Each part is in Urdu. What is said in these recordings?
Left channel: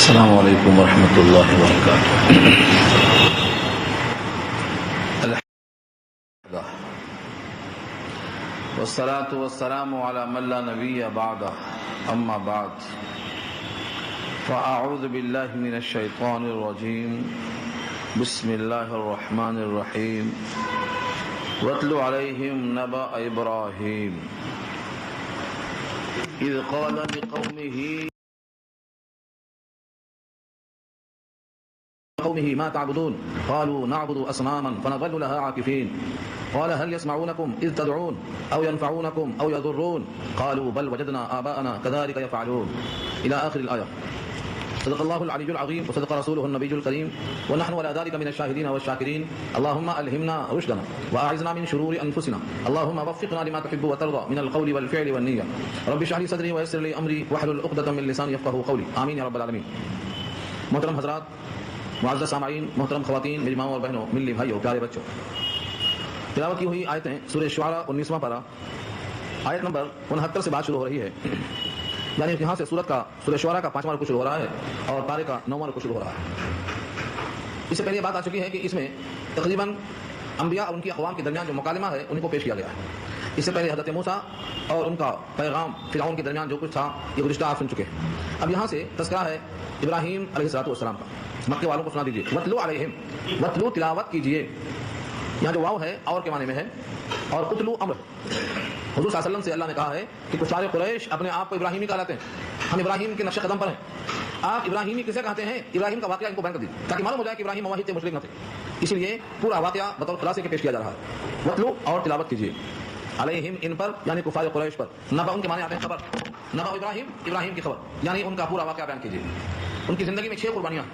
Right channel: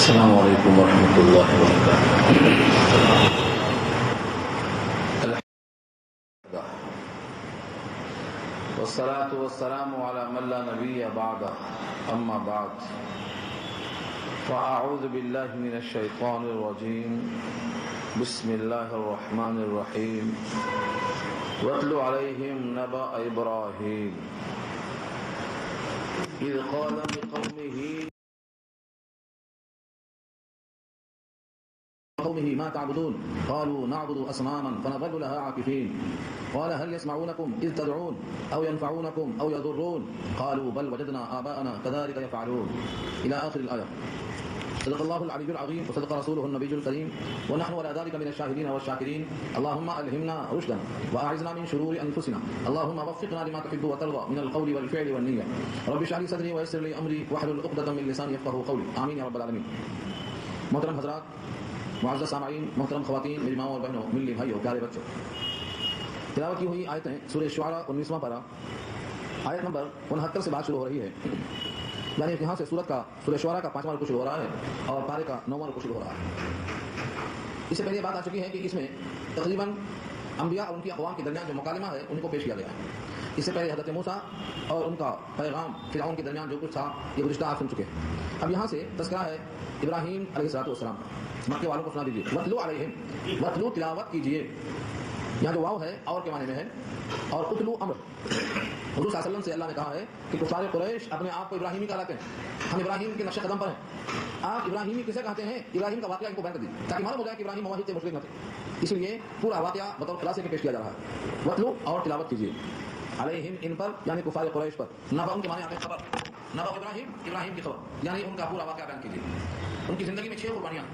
السلام علیکم ورحمۃ اللہ وبرکاتہ۔ والصلاة والسلام على من لا نبی بعدہ، اما بعد فاعوذ باللہ من الشیطان الرجیم، بسم اللہ الرحمن الرحیم۔ واتل علیہم نبأ ابراہیم اذ قال لقومه ما تعبدون قالوا نعبد أصناما فنظل لها عاكفين قال هل يسمعونكم إذ تدعون أو ينفعونكم أو يضرون قالوا بل وجدنا آباءنا كذلك يفعلون إلى آخر الآية۔ صدق الله العلي العظيم وصدق رسوله النبي الكريم ونحن على ذلك من الشاهدين والشاكرين۔ اللهم ألهمنا رشدنا وأعذنا من شرور أنفسنا، اللهم وفقنا لما تحب وترضى من القول والفعل والنية، رب اشرح لي صدري ويسر لي أمري واحلل عقدة من لساني يفقهوا قولي، آمين يا رب العالمين۔ محترم حضرات، معزز سامعین، محترم خواتین، میری ماؤں اور بہنوں، ملی بھائیوں، پیارے بچوں، تلاوت کی ہوئی آیتیں سورہ شعراء 19واں پارہ آیت نمبر 69 سے بات شروع ہو رہی ہے، یعنی یہاں سے سورہ شعراء کا 5واں رکوع شروع ہو رہا ہے اور پارے کا 9واں رکوع شروع ہو رہا ہے۔ اس سے پہلے یہ بات آ چکی ہے کہ اس میں تقریباً انبیاء اور ان کی اقوام کے درمیان جو مکالمہ ہے ان کو پیش کیا گیا ہے۔ اس سے پہلے حضرت موسیٰ اور ان کا پیغام فرعون کے درمیان جو کچھ تھا یہ گزشتہ آپ سن چکے ہیں۔ اب یہاں سے تذکرہ ہے ابراہیم علیہ السلام کا۔ مکے والوں کو سنا دیجیے، وَاتْلُ عَلَيْهِمْ، وَاتْلُ تلاوت کیجیے، یہاں جو واو ہے اور کے معنی میں ہے، اور اتلو امر۔ حضور صلی اللہ علیہ وسلم سے اللہ نے کہا ہے کہ کفار قریش اپنے آپ کو ابراہیمی کہلاتے ہیں، ہم ابراہیم کے نقش قدم پر ہیں۔ آپ ابراہیمی کسے کہتے ہیں؟ ابراہیم کا واقعہ ان کو بیان کر دیں تاکہ معلوم ہو جائے کہ ابراہیم موحد تھے، مشرک نہ تھے۔ اسی لیے پورا واقعہ بطور خلاصے کے پیش کیا جا رہا ہے۔ وَاتْلُ اور تلاوت کیجیے، علیہم ان پر، یعنی کفار قریش پر۔ نبأ ان کے معنی آتے ہیں خبر، نبأ ابراہیم، ابراہیم کی خبر، یعنی ان کا پورا واقعہ بیان کیجیے۔ ان کی زندگی میں 6 قربانیاں ہیں،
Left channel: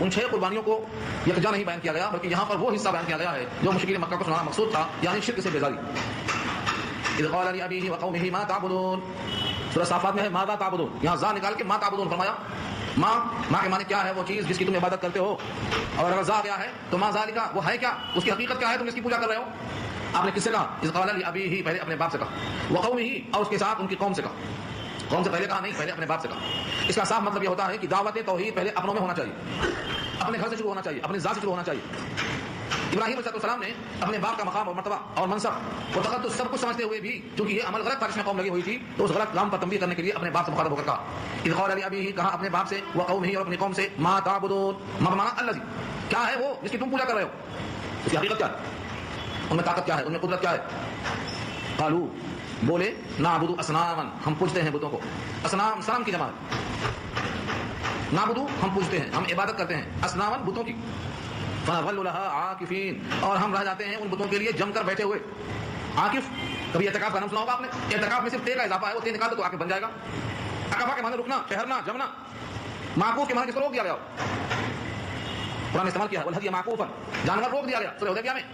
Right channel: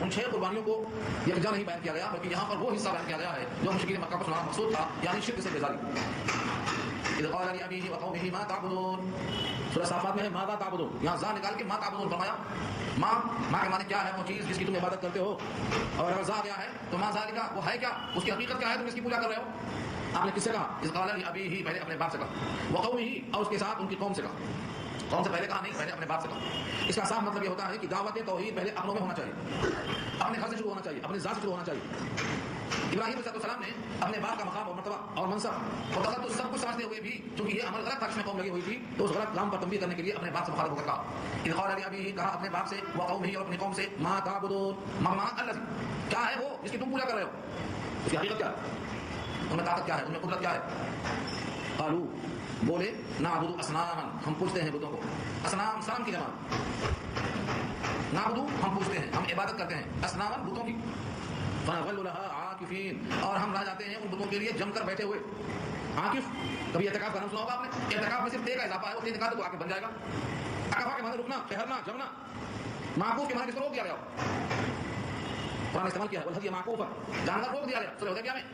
ان 6 قربانیوں کو یکجا نہیں بیان کیا گیا بلکہ یہاں پر وہ حصہ بیان کیا گیا ہے جو مشرکین مکہ کو سنانا مقصود تھا، یعنی شرک سے بیزاری۔ اذ قال لأبيه وقومه ما تعبدون، سورہ صافات میں ہے ماذا تعبدون، یہاں ذا نکال کے ما تعبدون فرمایا۔ ماں کے معنی کیا ہے؟ وہ چیز جس کی تم عبادت کرتے ہو، اور اگر ذا گیا ہے تو ما ذالک، وہ ہے کیا، اس کی حقیقت کیا ہے، تم اس کی پوجا کر رہے ہو۔ آپ نے کس سے کہا؟ اذ قال لأبيه، پہلے اپنے باپ سے کہا، وقومه، اور اس کے ساتھ ان کی قوم سے کہا۔ قوم سے پہلے کہا نہیں، پہلے اپنے باپ سے کہا۔ اس کا صاف مطلب یہ ہوتا ہے کہ دعوت توحید پہلے اپنوں میں ہونا چاہیے، اپنے گھر سے شروع ہونا چاہیے، اپنے ذات سے شروع ہونا چاہیے۔ ابراہیم علیہ السلام نے اپنے باپ کا مقام اور مرتبہ اور منصب و تقدس سب کچھ سمجھتے ہوئے بھی، چونکہ یہ عمل غلط تھا جس میں قوم لگی ہوئی تھی، تو اس غلط کام پر تنبیہ کرنے کے لیے اپنے باپ سے مخاطب ہو کر کہا اذ قال لأبيه، کہا اپنے باپ سے، وقومه، اور اپنی قوم سے، ما تعبدون، ما بمعنی الذی، کیا ہے وہ جس کی تم پوجا کر رہے ہو، اس کی حقیقت کیا ہے، ان میں طاقت کیا ہے، ان میں قدرت کیا ہے۔ قالوا، بولے، نعبد اصناما، ہم پوجتے ہیں بتوں کو۔ اصنام صنم کی جماعت، نعبد ہم پوجتے ہیں، ہم عبادت کرتے ہیں، اصناما بتوں کی، فنظل لها عاکفین، اور ہم رہ جاتے ہیں ان بتوں کے لیے جم کر بیٹھے ہوئے۔ عاکف، کبھی اعتکاف کا نام سنا ہوگا آپ نے؟ اعتکاف میں صرف تے کا اضافہ ہے، وہ تے نکال دو تو عاکف بن جائے گا۔ عکفہ کے معنی رکنا، ٹھہرنا، جمنا۔ معکوف کے معنی کس کو روک دیا گیا؟ قرآن نے استعمال کیا ہے والہدی معکوفا، جانور روک دیا گیا سورہ حدیبیہ میں،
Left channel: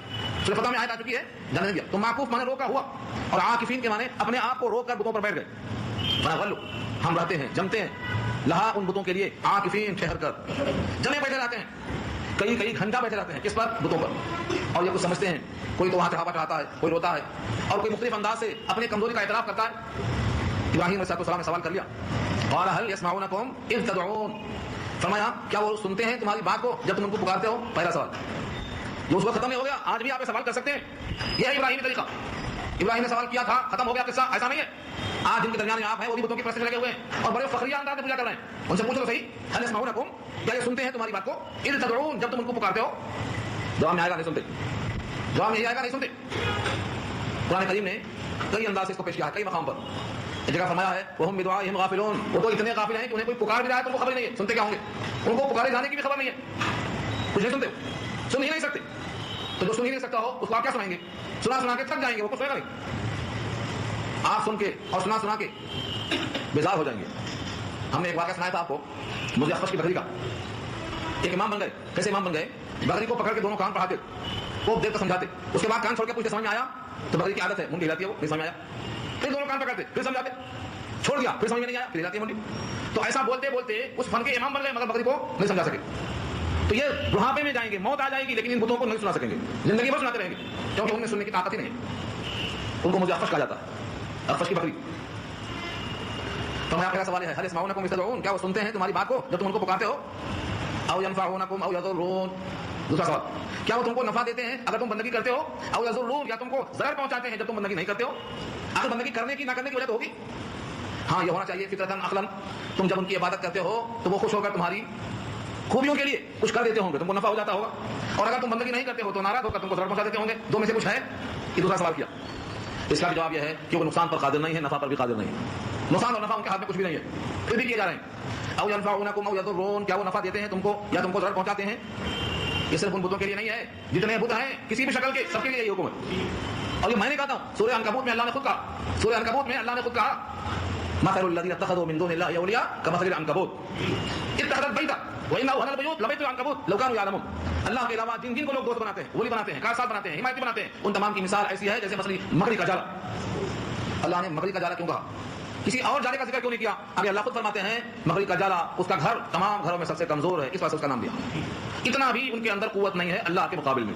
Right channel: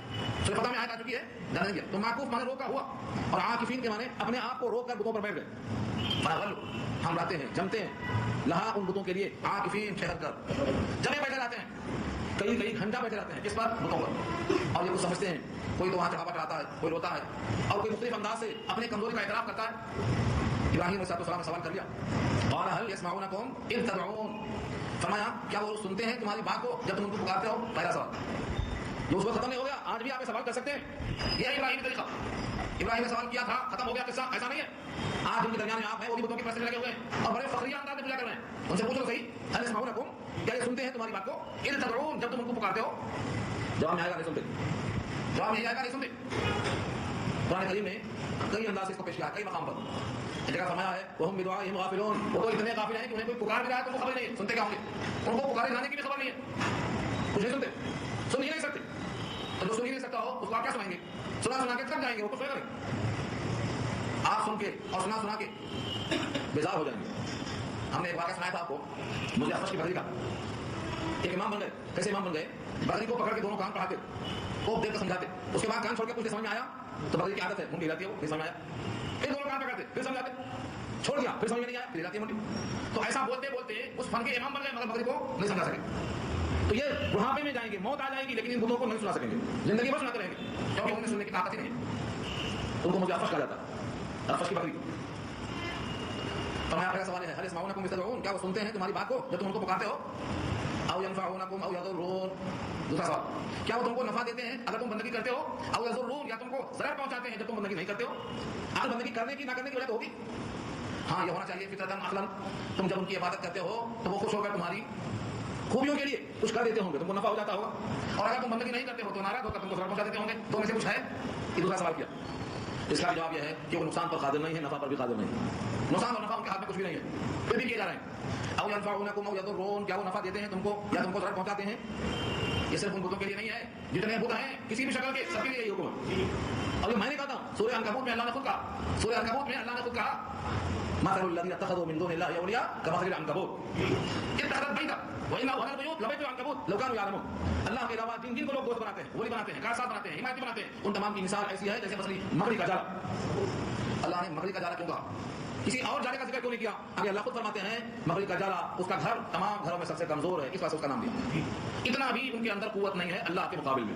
سورہ فتح میں آیت آ چکی ہے، جانے نہیں دیا۔ تو معکوف معنی روکا ہوا، اور عاکفین کے معنی اپنے آپ کو روک کر بتوں پر بیٹھ گئے۔ فنظل، ہم رہتے ہیں، جمتے ہیں، لہا ان بتوں کے لیے، عاکفین، ٹھہر کر، جمے بیٹھے رہتے ہیں، کئی گھنٹہ بیٹھے رہتے ہیں، کس پر؟ بتوں پر۔ اور یہ کچھ سمجھتے ہیں، کوئی تو وہاں چڑھاوا چڑھاتا ہے، کوئی روتا ہے، اور کوئی مختلف انداز سے اپنے کمزوری کا اعتراف کرتا ہے۔ ابراہیم علیہ السلام نے سوال کر لیا، قال هل يسمعونكم اذ تدعون، فرمایا کیا وہ سنتے ہیں تمہاری بات کو جب تم ان کو پکارتے ہو؟ پہلا سوال جو اس وقت ختم نہیں ہو گیا، آج بھی آپ یہ سوال کر سکتے ہیں، یہ ہے ابراہیمی طریقہ۔ ابراہیم نے سوال کیا تھا، ختم ہو گیا قصہ، ایسا نہیں ہے۔ آج جن کے درمیان آپ ہیں وہ بھی بتوں کی پرست میں لگے ہوئے ہیں اور بڑے فخریہ انداز میں پوجا کر رہے ہیں۔ ان سے پوچھو تو صحیح، هل يسمعونكم، کیا یہ سنتے ہیں تمہاری بات کو؟ اذ تدعون، جب تم ان کو پکارتے ہو۔ جواب میں آئے گا نہیں سنتے، جواب میں یہی آئے گا نہیں سنتے۔ قرآن کریم نے کئی انداز سے اس کو پیش کیا ہے، کئی مقام پر۔ ایک جگہ فرمایا ہے وَهُمْ بِدُعَائِهِمْ غَافِلُونَ، وہ تو اتنے غافل ہیں کہ انہیں کوئی پکار بھی رہا ہے تو ان کو خبر نہیں ہے، سنتے کیا ہوں گے؟ ان کو پکارے جانے کی بھی خبر نہیں ہے، کچھ نہیں سنتے، سن ہی نہیں سکتے۔ تو جو سن ہی نہیں سکتا ہو اس کو آپ کیا سنائیں گے؟ سنا کے تھک جائیں گے، وہ کچھ سنے گا نہیں۔ آپ سن کے اور سنا کے بیزار ہو جائیں گے۔ ہم نے ایک واقعہ سنایا تھا آپ کو، مجھے اخفش کی بکری کا۔ ایک امام بن گئے، کیسے امام بن گئے؟ بکری کو پکڑ کے دونوں کان پڑھاتے، خوب دیر تک سمجھاتے، اس کے بعد کان چھوڑ کے پوچھتے سمجھ میں آیا؟ تو بکری کی عادت ہے منڈی ہلاتی ہے، وہ نہیں سمجھ میں آیا، پھر دونوں کان پکڑتے، پھر سمجھاتے، چھوڑ دیا، پھر سمجھ میں نہیں آیا، پھر ہلاتی ہے منڈی۔ تو ایسا بولتے بولتے اس فن کے امام بن گئے مگر بکری کو نہیں سمجھا سکے۔ تو یہ بڑھاپے میں جائیں گے، موت آ جائے گی لیکن ان بتوں کو نہیں سنا سکیں گے، زندگی بھر سناتے رہیں گے کیونکہ ان میں سننے کی طاقت ہی نہیں ہے۔ ان کو مجھے اخفش کہا جاتا ہے، اخفش کی بکری۔ فرمایا پہلا سوال ہے هل يسمعونكم إذ تدعون، کیا وہ سنتے ہیں تمہاری بات کو جب تم ان کو پکارتے ہو؟ او ينفعونكم او يضرون، دوسرا سوال کیا وہ تم کو نفع دیتے ہیں اگر تم بندگی کرتے ہو؟ او يضرون، یا تم کو ضرر پہنچاتے ہیں جب تم بندگی نہیں کرتے ہو؟ اگر بندگی کرنے کی نہ کرنے کی وجہ تو ہوگی. ہاں یہ ہونا چاہیے فطرتاً عقلاً، تم جب ان کی عبادت کرتے ہو تو وہ خوش ہو کر تمہاری خوبیوں کے لیے کچھ کر دیتے ہوں گے، تم کو نفع ہو جاتا ہوگا. اور اگر تم بندگی نہیں کرتے ہو تو ناراض ہو کر تم کو ضرر پہنچا دیتے ہوں گے. دو میں سے کچھ ہے؟ یہ دوسرا سوال کیا. اس کا بھی جواب یہ ہے کہ وہ نقصان پر قادر نہیں ہے، نفع پر بھی قادر نہیں ہے. نقصان اور نفع ان کے ہاتھ میں کچھ بھی نہیں ہے، پھر بھی کیے جا رہے ہیں. او ينفعونكم او يضرون، کیا وہ نفع دیتے ہیں تم کو یا تم کو ضرر پہنچاتے ہیں؟ یہ صرف ان بتوں کے لیے نہیں ہے، جتنے بت ہیں کسی بھی شکل کے سب کے لیے یہ حکم ہے. اور یہ میں نے کہا تھا سورہ عنکبوت میں اللہ نے خود کہا، سورہ عنکبوت میں اللہ نے خود کہا مثل الذين اتخذوا من دون الله اولياء كمثل العنكبوت اتخذت بيتا وان اوهن البيوت لبيت العنكبوت لو كانوا يعلمون. اللہ کے علاوہ جن کو لوگ دوست بناتے ہیں، ولی بناتے ہیں، کارساز بناتے ہیں، حمایتی بناتے ہیں، ان تمام کی مثال ایسی ہے جیسے مثلا مکڑی کا جالا. اللہ نے مکڑی کا جالا کیوں کہا؟ کسی اور جالے کا ذکر کیوں نہیں کیا؟ اگر اللہ خود فرماتے ہیں مکڑی کا جالا اس کا گھر تمام گھروں میں سب سے کمزور ہے، اس واسطے اس کا نام دیا. اتنا بھی ان کے اندر قوت نہیں ہے اللہ کے مقابل میں.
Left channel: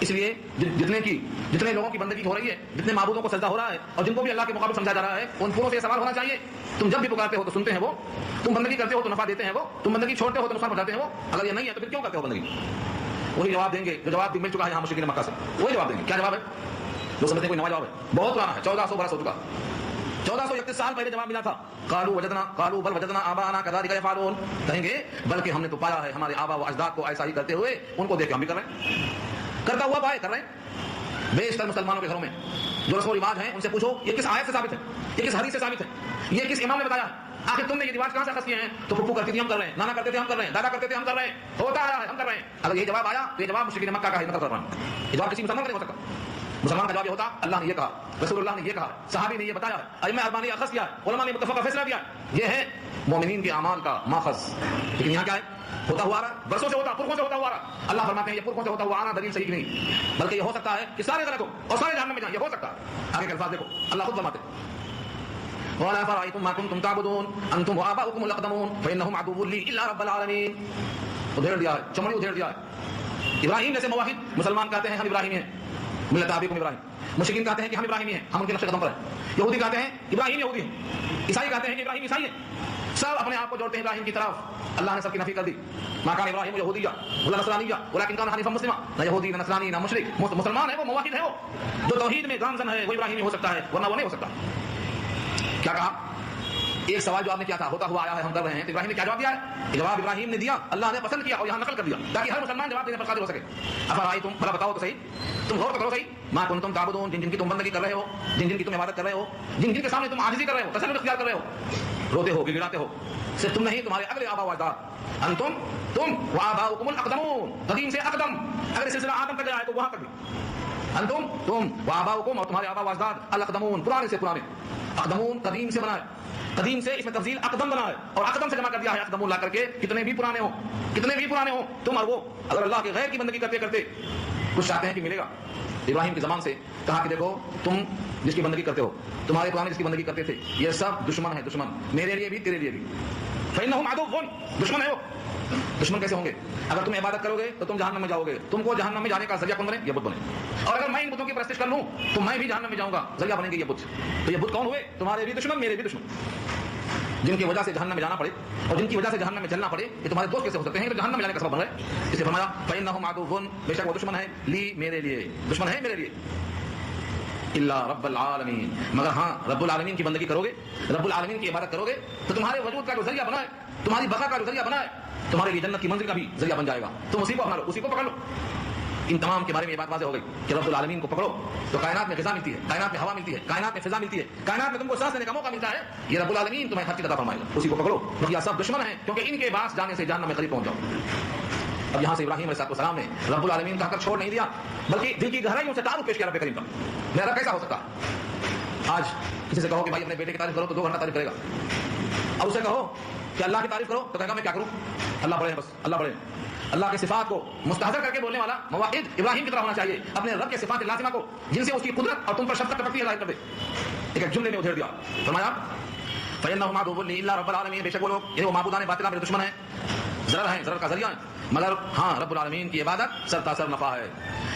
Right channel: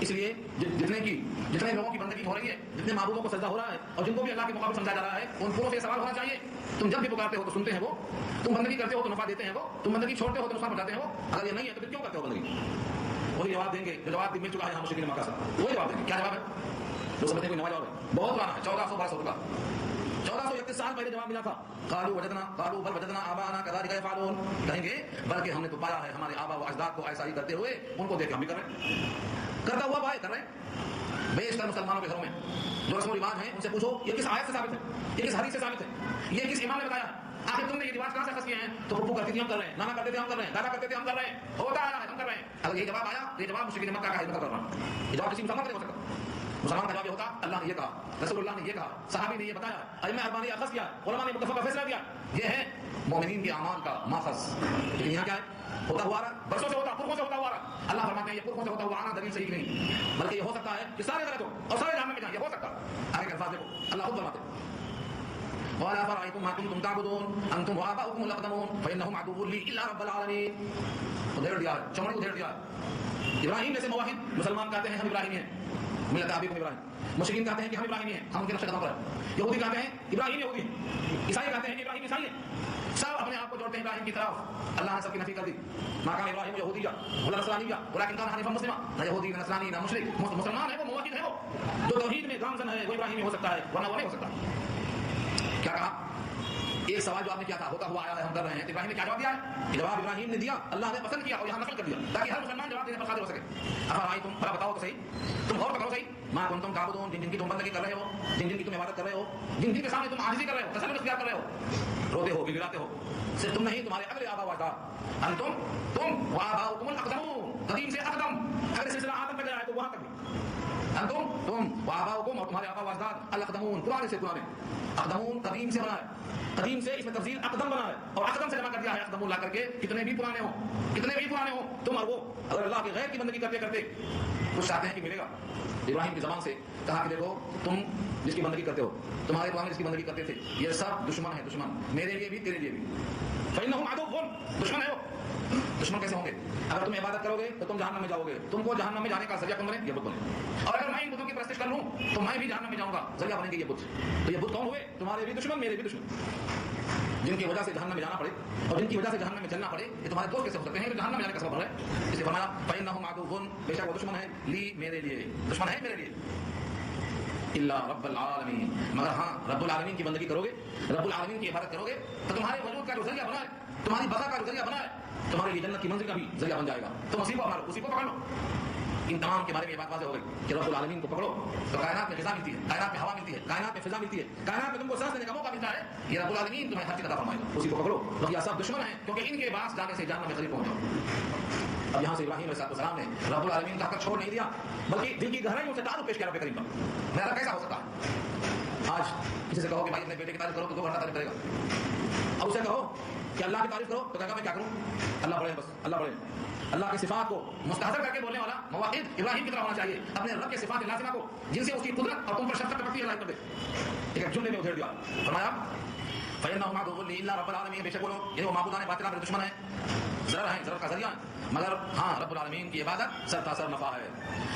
اس لیے جتنے لوگوں کی بندگی ہو رہی ہے، جتنے معبودوں کو سجدہ ہو رہا ہے اور جن کو بھی اللہ کے مقابل سمجھا جا رہا ہے، ان پوروں سے یہ سوال ہونا چاہیے تم جب بھی پکارتے ہو تو سنتے ہیں وہ، تم بندگی کرتے ہو تو نفع دیتے ہیں وہ، تم بندگی چھوڑتے ہو تو نقصان پہنچاتے ہیں وہ. اگر یہ نہیں ہے تو پھر کیوں کرتے ہو بندگی؟ وہی جواب دیں گے جو جواب مل چکا ہے یہاں مشرکین مکہ سے، وہی جواب دیں گے. کیا جواب ہے؟ جو سمجھتے ہیں کوئی نیا جواب ہے، بہت پرانا ہے، 1400 برس ہو چکا، 1431 سال پہلے جواب ملا تھا. قالوا بل وجدنا آباءنا كذلك يفعلون، کہیں گے بلکہ ہم نے تو پایا ہے ہمارے آبا و اجداد کو ایسا ہی کرتے ہوئے، ان کو دیکھ کے ہم بھی کر رہے ہیں. کرتا ہوا پائے کر رہے ہیں. بیشتر مسلمانوں کے گھروں میں جو رسم و رواج ہیں ان سے پوچھو یہ کس آیت سے ثابت ہے، یہ کس حدیث سے ثابت ہے، یہ کس امام نے بتایا ہے؟ آخر تم نے یہ رواج کہاں سے اخذ کیے ہیں؟ تو پھپھو کرتی تھی ہم کر رہے ہیں، نانا کرتے تھے ہم کر رہے ہیں، دادا کرتے تھے ہم کر رہے ہیں، ہوتا آیا ہے ہم کر رہے ہیں. اگر یہ جواب آیا تو یہ جواب مشرکین مکہ کا ہے، مطلب کر رہا ہوں. یہ جواب کسی مسلمان کا نہیں ہو سکتا. مسلمان کا جواب یہ ہوتا اللہ نے یہ کہا، رسول اللہ نے یہ کہا، صحابی نے یہ بتایا، ائمہ اربعہ نے اخذ کیا، علماء نے متفقہ فیصلہ دیا. یہ ہے مومنین کے اعمال کا ماخذ. لیکن یہاں کیا ہے؟ ہوتا ہوا آ رہا ہے، برسوں سے ہوتا، پرخوں سے ہوتا ہوا آ رہا ہے. اللہ فرماتے ہیں یہ پرخوں سے ہوتا ہوا آنا دلیل صحیح نہیں، بلکہ یہ ہو سکتا ہے کہ سارے غلط ہو اور سارے جہنم میں جائیں، یہ ہو سکتا ہے. آگے کے الفاظ دیکھو، اللہ خود فرماتے ہیں وَلَا فَرَأَيْتُم مَا كُنتُمْ تَعْبُدُونَ أَنتُمْ وَآبَاؤُكُمُ الْأَقْدَمُونَ فَإِنَّهُمْ عَدُوٌّ لِّي إِلَّا رَبَّ الْعَالَمِينَ. ادھیڑ دیا ہے، چمڑی ادھیڑ دیا ہے. ابراہیم جیسے موحد مسلمان کہتے ہیں ہم ابراہیمی ہیں، ملت ابیکم ابراہیم. مشرکین کہتے ہیں کہ ہم ابراہیمی ہیں، ہم ان کے نقش قدم پر ہیں. یہودی کہتے ہیں ابراہیم یہودی ہیں، عیسائی کہتے ہیں کہ ابراہیم عیسائی ہیں. سب اپنے آپ کو جوڑتے ہیں ابراہیم کی طرف. اللہ نے سب کی نفی کر دی. ما کان ابراہیم یہودیا ولا نصرانیا ولکن کان حنیفا مسلما. نہ یہودی نہ نصرانی نہ مشرک، مسلمان ہے وہ، موحد ہے وہ، جو توحید میں گامزن ہے وہ ابراہیمی ہو سکتا ہے، ورنہ وہ نہیں ہو سکتا. کیا کہا؟ ایک سوال جو آپ نے کیا تھا ہوتا ہوا آیا ہے ہم کر رہے ہیں، تو ابراہیم نے کیا جواب دیا ہے؟ جواب ابراہیم نے دیا، اللہ نے پسند کیا اور یہاں نقل کر دیا تاکہ ہر مسلمان جواب دینے پر قادر ہو سکے. افرائیتم، بھلا بتاؤ تو صحیح، تم غور تو کرو صحیح، ما کنتم تعبدون، جن کی تم بندگی کر رہے ہو، جن کی تم عبادت کر رہے ہو، جن کے سامنے تم عاجزی کر رہے ہو، تسلط اختیار کر رہے ہو، روتے ہو، گڑگڑاتے ہو. صرف تم نہیں، تمہارے اگلے آبا و اجداد، انتم، تم وآباؤکم الاقدمون، قدیم سے اقدم، اگر سلسلہ آدم تک جائے تو وہاں تک بھی. انتم، تم وآباؤکم، اور تمہارے آبا و اجداد، الاقدمون، پرانے سے پرانے. اقدمون قدیم سے بنا ہے، قدیم سے اس میں تفضیل اقدم بنا ہے اور اقدم سے جمع کر دیا ہے اقدمون لا کر کے. کتنے بھی پرانے ہوں، کتنے بھی پرانے ہوں، تم اور وہ اگر اللہ کے غیر کی بندگی کرتے کرتے کچھ چاہتے ہیں کہ ملے گا. ابراہیم کی زبان سے کہا کہ دیکھو تم جس کی بندگی کرتے ہو، تمہارے پرانے جس کی بندگی کرتے تھے، یہ سب دشمن ہے، دشمن میرے لیے بھی تیرے لیے بھی. فإنهم عدو، دشمن ہے وہ. دشمن کیسے ہوں گے؟ اگر تم عبادت کرو گے تو تم جہنم میں جاؤ گے، تم کو جہنم میں جانے کا ذریعہ کون بنے؟ یہ بت بنے. اور اگر میں ان بتوں کی پرستش کر لوں تو میں بھی جہنم میں جاؤں گا، ذریعہ بنیں گے یہ بت. تو یہ بت کون ہوئے؟ تمہارے بھی دشمن، میرے بھی دشمن. جن کی وجہ سے جہنم میں جانا پڑے اور جن کی وجہ سے جہنم میں جلنا پڑے، یہ تمہارے دوست کیسے ہو سکتے ہیں کہ جہنم میں جانے کا سبب بن رہے؟ اس لیے فرمایا فإنهم عدو، بے شک وہ دشمن ہے، لی میرے لیے، دشمن ہے میرے لیے. الا رب العالمین، مگر ہاں رب العالمین کی بندگی کرو گے، رب العالمین کی عبادت کرو گے تو تمہارے وجود کا جو ذریعہ بنا ہے، تمہاری بقا کا جو ذریعہ بنا ہے، تمہارے لیے جنت کی منزل کا بھی ذریعہ بن جائے گا. تم اسی کو اپنا لو، اسی کو پکڑ لو. ان تمام کے بارے میں یہ بات واضح ہو گئی کہ رب العالمین کو پکڑو تو کائنات میں غذا ملتی ہے، کائنات میں ہوا ملتی ہے، کائنات میں فضا ملتی ہے، کائنات میں تم کو سانس لینے کا موقع ملتا ہے. یہ رب العالمین تمہیں ہر چیز عطا فرمائے گا، اسی کو پکڑو. بقیہ سب دشمن ہیں کیونکہ ان کے پاس جانے سے جہنم میں قریب پہنچ جاؤ. اب یہاں سے ابراہیم علیہ السلام نے رب العالمین کہا کر چھوڑ نہیں دیا، بلکہ دل کی گہرائیوں سے تعارف پیش کیا رب کریم کا. میرا رب کیسا ہو سکتا ہے؟ آج کسی سے کہو کہ بھائی اپنے بیٹے کی تعریف کرو تو 2 گھنٹہ تعریف کرے گا، اور اسے کہو کہ اللہ کی تعریف کرو تو کہے گا میں کیا کروں، اللہ بڑے ہیں، بس اللہ بڑے ہیں. اللہ کی صفات کو مستحضر کر کے بولنے والا موحد ابراہیم کی طرح ہونا چاہیے، اپنے رب کے صفات لازمہ کو جن سے اس کی قدرت اور تم پر شفقت ٹپکتی ہے ظاہر کر دے. ایک جملے میں ادھیڑ دیا، فرمایا فإنهم عدو لي إلا رب العالمین، بے شک وہ لوگ یہ وہ معبودان باطلہ میرے دشمن ہیں، ضرر ہیں، ضرر کا ذریعہ ہیں، مگر ہاں رب العالمین کی عبادت سر تاثر نفع ہے.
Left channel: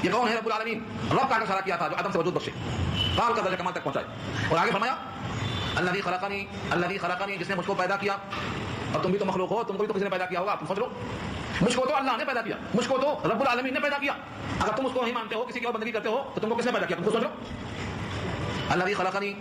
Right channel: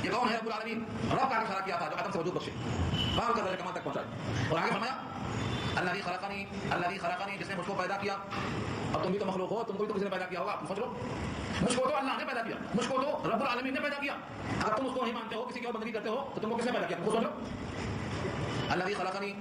یہ کون ہے رب العالمین؟ رب کا اشارہ کیا تھا جو آدم سے وجود بخشے، پال کا درجہ کمال تک پہنچائے. اور آگے فرمایا الذي خلقني جس نے مجھ کو پیدا کیا. اور تم بھی تو مخلوق ہو, تم کو بھی تو کسی نے پیدا کیا ہوگا, تم سوچ لو. مجھ کو تو اللہ نے پیدا کیا, مجھ کو تو رب العالمین نے پیدا کیا. اگر تم اس کو نہیں مانتے ہو, کسی کی اور بندگی کرتے ہو, تو تم کو کس نے پیدا کیا, تم کو سوچ لو. الذي خلقني,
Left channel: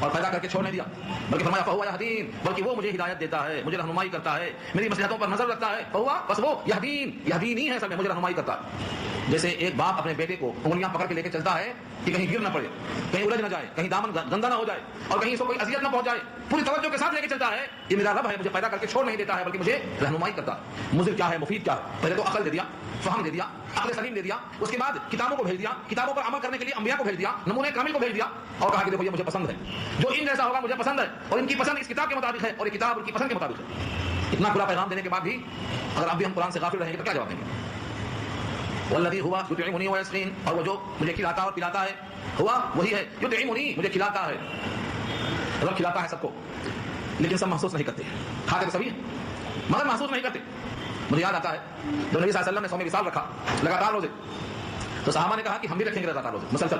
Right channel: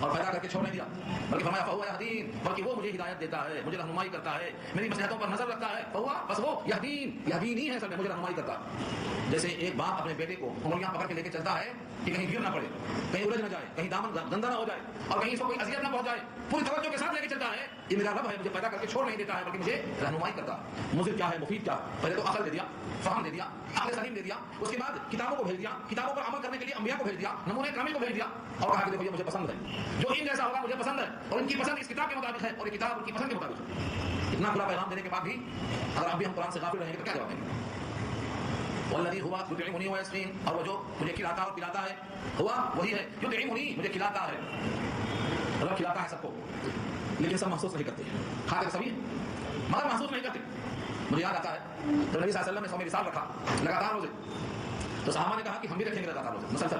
اور پیدا کر کے چھوڑ نہیں دیا, بلکہ فرمایا فهو يهدين, بلکہ وہ مجھے ہدایت دیتا ہے, مجھے رہنمائی کرتا ہے, میری مصلحتوں پر نظر رکھتا ہے. فهو, بس وہ يهديني ہے, اصل میں مجھے رہنمائی کرتا ہے. جیسے ایک باپ اپنے بیٹے کو انگلیاں پکڑ کے لے کے چلتا ہے کہ کہیں گر نہ پڑے, کہیں الجھ نہ جائے, کہیں دامن گندا نہ ہو جائے, اور کہیں اس کو کوئی اذیت نہ پہنچائے, پوری توجہ کے ساتھ لے کے چلتا ہے. یہ میرا رب ہے, مجھے پیدا کر کے چھوڑ نہیں دیتا ہے, بلکہ مجھے رہنمائی کرتا ہے. مضر کیا ہے, مفید کیا ہے, پہلے تو عقل دے دیا, فہم دے دیا, عقل سلیم دے دیا, اس کے بعد کتابوں کو بھیج دیا, کتابوں پر عمل کرنے کے لیے انبیاء کو بھیج دیا, نمونے کامل کو بھیج دیا, اور کہا کہ دیکھو یہ مجھے پسند ہے, جو ان جیسا ہوگا مجھے پسند ہے, اور ان کی پسند اس کتاب کے مطابق ہے, اور یہ کتاب ان کی پسند کے مطابق ہے. اتنا کھلا پیغام دینے کے بعد بھی اگر اب بھی ہم قرآن سے غافل رہیں گے تو کیا جواب دیں گے؟ والذی ہوا یطعمنی ویسقین, اور وہ جو مجھے کھلاتا اور پلاتا ہے, ہوا وہی ہے, یطعمنی مجھے کھلاتا ہے. رب کھلاتا ہے سب کو, لیکن سب محسوس نہیں کرتے. کھاتے تو سبھی ہیں مگر محسوس نہیں کرتے. مجھے یاد آتا ہے جب نبی صلی اللہ علیہ وسلم نے صوم وصال رکھا لگاتار روزے, تو صحابہ نے کہا کہ ہم بھی رکھیں گے لگاتار روزے مسلسل,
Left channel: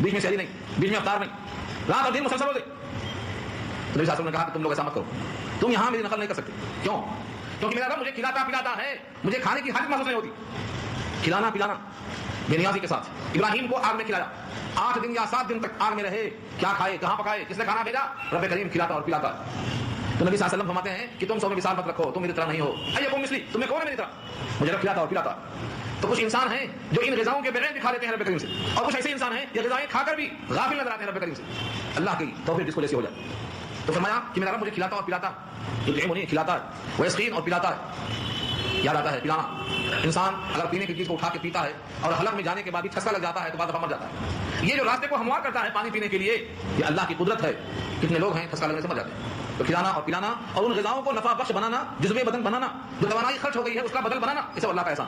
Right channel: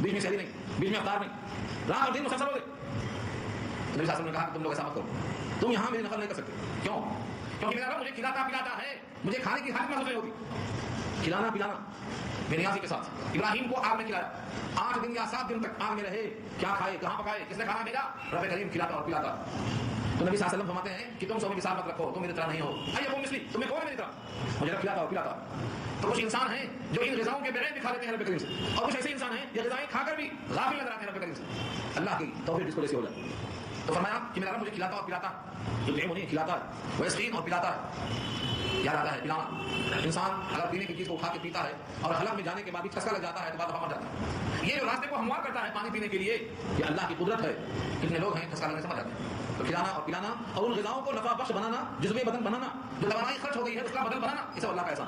بیچ میں سحری نہیں, بیچ میں افطار نہیں, رات اور دن مسلسل روزے. تو نبی صلی اللہ علیہ وسلم نے کہا کہ تم لوگ ایسا مت کرو, تم یہاں میری نقل نہیں کر سکتے. کیوں؟ کیونکہ میرا رب مجھے کھلاتا پلاتا ہے, مجھے کھانے کی حاجت محسوس نہیں ہوتی. کھلانا پلانا بے نیازی کے ساتھ. ابراہیم کو آگ میں کھلایا, 8 دن یا 7 دن تک آگ میں رہے, کیا کھائے, کہاں پکائے, کس نے کھانا بھیجا؟ رب کریم کھلاتا اور پلاتا. تو نبی صلی اللہ علیہ وسلم فرماتے ہیں کہ تم صوم وصال مت رکھو, تم میری طرح نہیں ہو. ایکم مثلی, تمہیں کون ہے میری طرح, مجھے رب کھلاتا اور پلاتا. تو کچھ انسان ہیں جو ان غذاؤں کے بغیر بھی کھا لیتے ہیں رب کریم سے, اور کچھ ایسے انسان ہیں جو غذائیں کھا کر بھی غافل نظر آتے ہیں رب کریم سے. اللہ کی توفیق جس کو جیسی ہو جائے. تو فرمایا کہ میرا رب مجھے کھلاتا اور پلاتا, یطعمنی کھلاتا ہے, ویسقین اور پلاتا ہے. یاد آتا ہے پلانا, انسان اگر پینے کی چیز کو اٹھا کے پیتا ہے اور حلق میں جانے کے بعد بھی ٹھسکا لگ جاتا ہے تو بعد دفعہ مر جاتا ہے. یہ جو راستے کو ہموار کرتا ہے پانی پینے کے لیے, یہ اللہ کی قدرت ہے. کتنے لوگ ہیں ٹھسکا لگنے سے مر جاتے ہیں. تو کھلانا اور پلانا اور ان غذاؤں کو نفع بخش بنانا, جزوے بدن بنانا, جو توانائی خرچ ہو گئی ہے اس کا بدل بنانا, یہ سب اللہ کا احسان.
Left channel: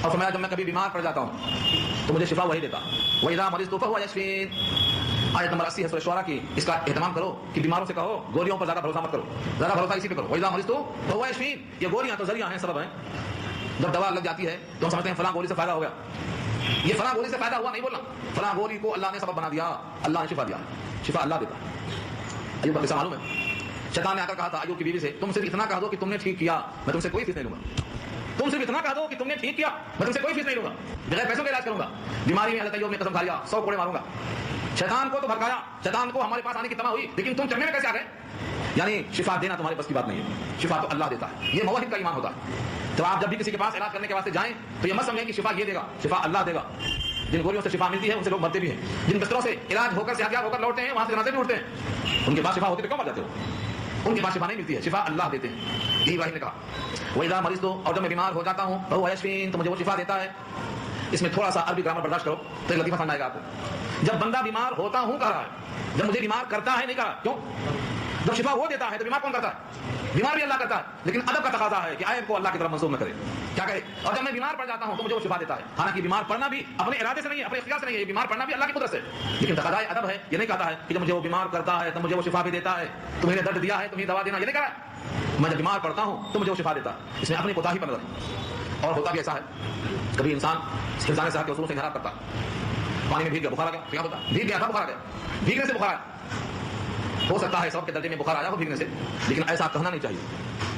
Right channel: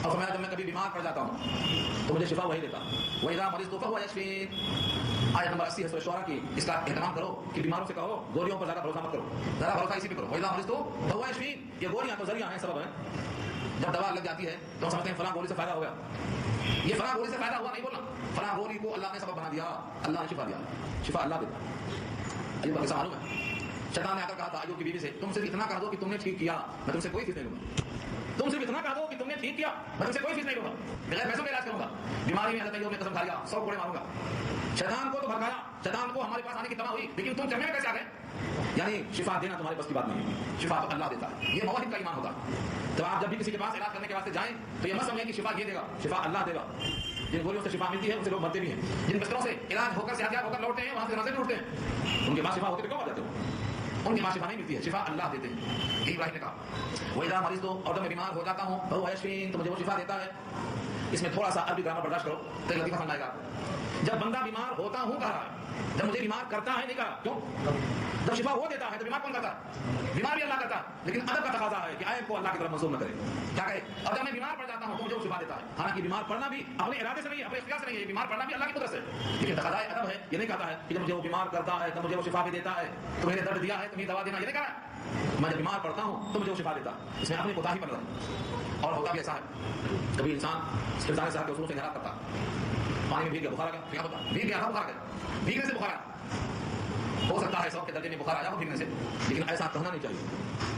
اور فرمایا جب میں کبھی بیمار پڑ جاتا ہوں تو مجھے شفا وہی دیتا. وَإِذَا مَرِضْتُ فَهُوَ يَشْفِينِ, آیت نمبر 80 ہے سورہ شعراء کی. اس کا اہتمام کرو کہ بیماروں سے کہو گولیوں پر زیادہ بھروسہ مت کرو, زیادہ بھروسہ اسی پہ کرو. وَإِذَا مَرِضْتُ فَهُوَ يَشْفِينِ, یہ گولیاں تو ذریعہ ہیں, سبب ہیں. جب دوا لگ جاتی ہے تو ہم سمجھتے ہیں فلاں گولی سے فائدہ ہو گیا. یہ فلاں گولی سے فائدہ ہوا نہیں بولنا, فلاں گولی کو اللہ نے سبب بنا دیا, اللہ نے شفا دیا. شفا اللہ دیتا ہے. ایوب کا قصہ معلوم ہے, شیطان نے آ کر کہا تھا ایوب کی بیوی سے, تم صرف اتنا کہہ دو کہ تم نے ٹھیک کیا, میں تم سے کوئی فیس نہیں لوں گا. تم صرف اتنا کہہ دو کہ تم نے ٹھیک کیا, میں تم سے کوئی فیس نہیں لوں گا, بغیر پیسوں کا علاج کروں گا. بیماری میں حضرت ایوب نے قسم کھا لیا 100 کوڑے ماروں گا. شیطان کو تو بھڑکایا, شیطان کو ہمارے پاس آنے کی تمنا ہوئی, لیکن تم چڑھنے میں کیسے آ گئے؟ یعنی شفا دینا تمہارے بس کی بات نہیں ہے, شفا تو اللہ دیتا ہے. یہ موحد کا ایمان ہوتا ہے. تو آپ جب بھی کسی کے پاس علاج کرنے کے واسطے جائیں تو یہ مت سمجھیں کہ شفا یہ دے گا, شفا اللہ دے گا. جن گولیوں سے شفا ملتی ہے ان سے لوگ مرتے بھی ہیں, جن بستروں سے علاج ہو کر صحتیاب ہو کر لوٹتے ہیں وہاں سے جنازے بھی اٹھتے ہیں. ان کے پاس شفا ہوتی تو کیوں مر جاتے ہو؟ ان کے پاس شفا نہیں ملتی ہے, شفا اللہ دیتے ہیں. یہی ابراہیم نے کہا وَإِذَا مَرِضْتُ, اور جب میں بیمار ہو جاتا ہوں فَهُوَ يَشْفِينِ, تو مجھے وہ شفا دیتا ہے. اس میں تھوڑا سا عربی گرامر برداشت کرو تو ایک لطیفہ سمجھ آئے گا آپ کو. جب بندہ بیمار ہوتا ہوں کہہ رہا ہے, جب مجھے بیمار کرتا ہے نہیں کہا. کیوں؟ جب شفا وہ دیتا ہے تو بیمار کون کرتا ہے؟ بیمار بھی اللہ کرتا ہے, لیکن ادب کا تقاضا ہے کہ عیب کو اللہ کی طرف منسوب نہ کرے. کیا کہے؟ اور جب میں بیمار پڑ جاتا ہوں تو مجھے وہ شفا دیتا ہے. حالانکہ بیمار پڑنا بھی اپنے ارادے سے نہیں ہے, اپنے اختیار سے نہیں ہے, بیمار پڑنا بھی اللہ کی قدرت سے, لیکن تقاضا ادب ہے. یہ نہیں کہتا ہے کہ جب مجھے وہ بیمار کرتا ہے تو مجھے وہ شفا بھی دیتا ہے, تمہیں نے درد دیا ہے تمہیں دوا دینا, یہ نہیں کہا ہے. میں جب بیمار پڑتا ہوں تو مجھے وہ شفا دیتا ہے. اس میں اپنی کوتاہی پر نظر. اور ہوتا بھی ایسا ہے, کبھی انسان حفظان صحت کے اصول سے انحراف کرتا, پانی میں بھیگ گیا, بخار آ گیا, کیا ہوتا, بھیگ گیا تھا بخار آ گیا, بھیگنے سے بخار آیا. ہو سکتا ہے سبب کے درجے میں بخار آیا ہو بھیگنے سے, لیکن ایسا کہنا نہیں چاہیے,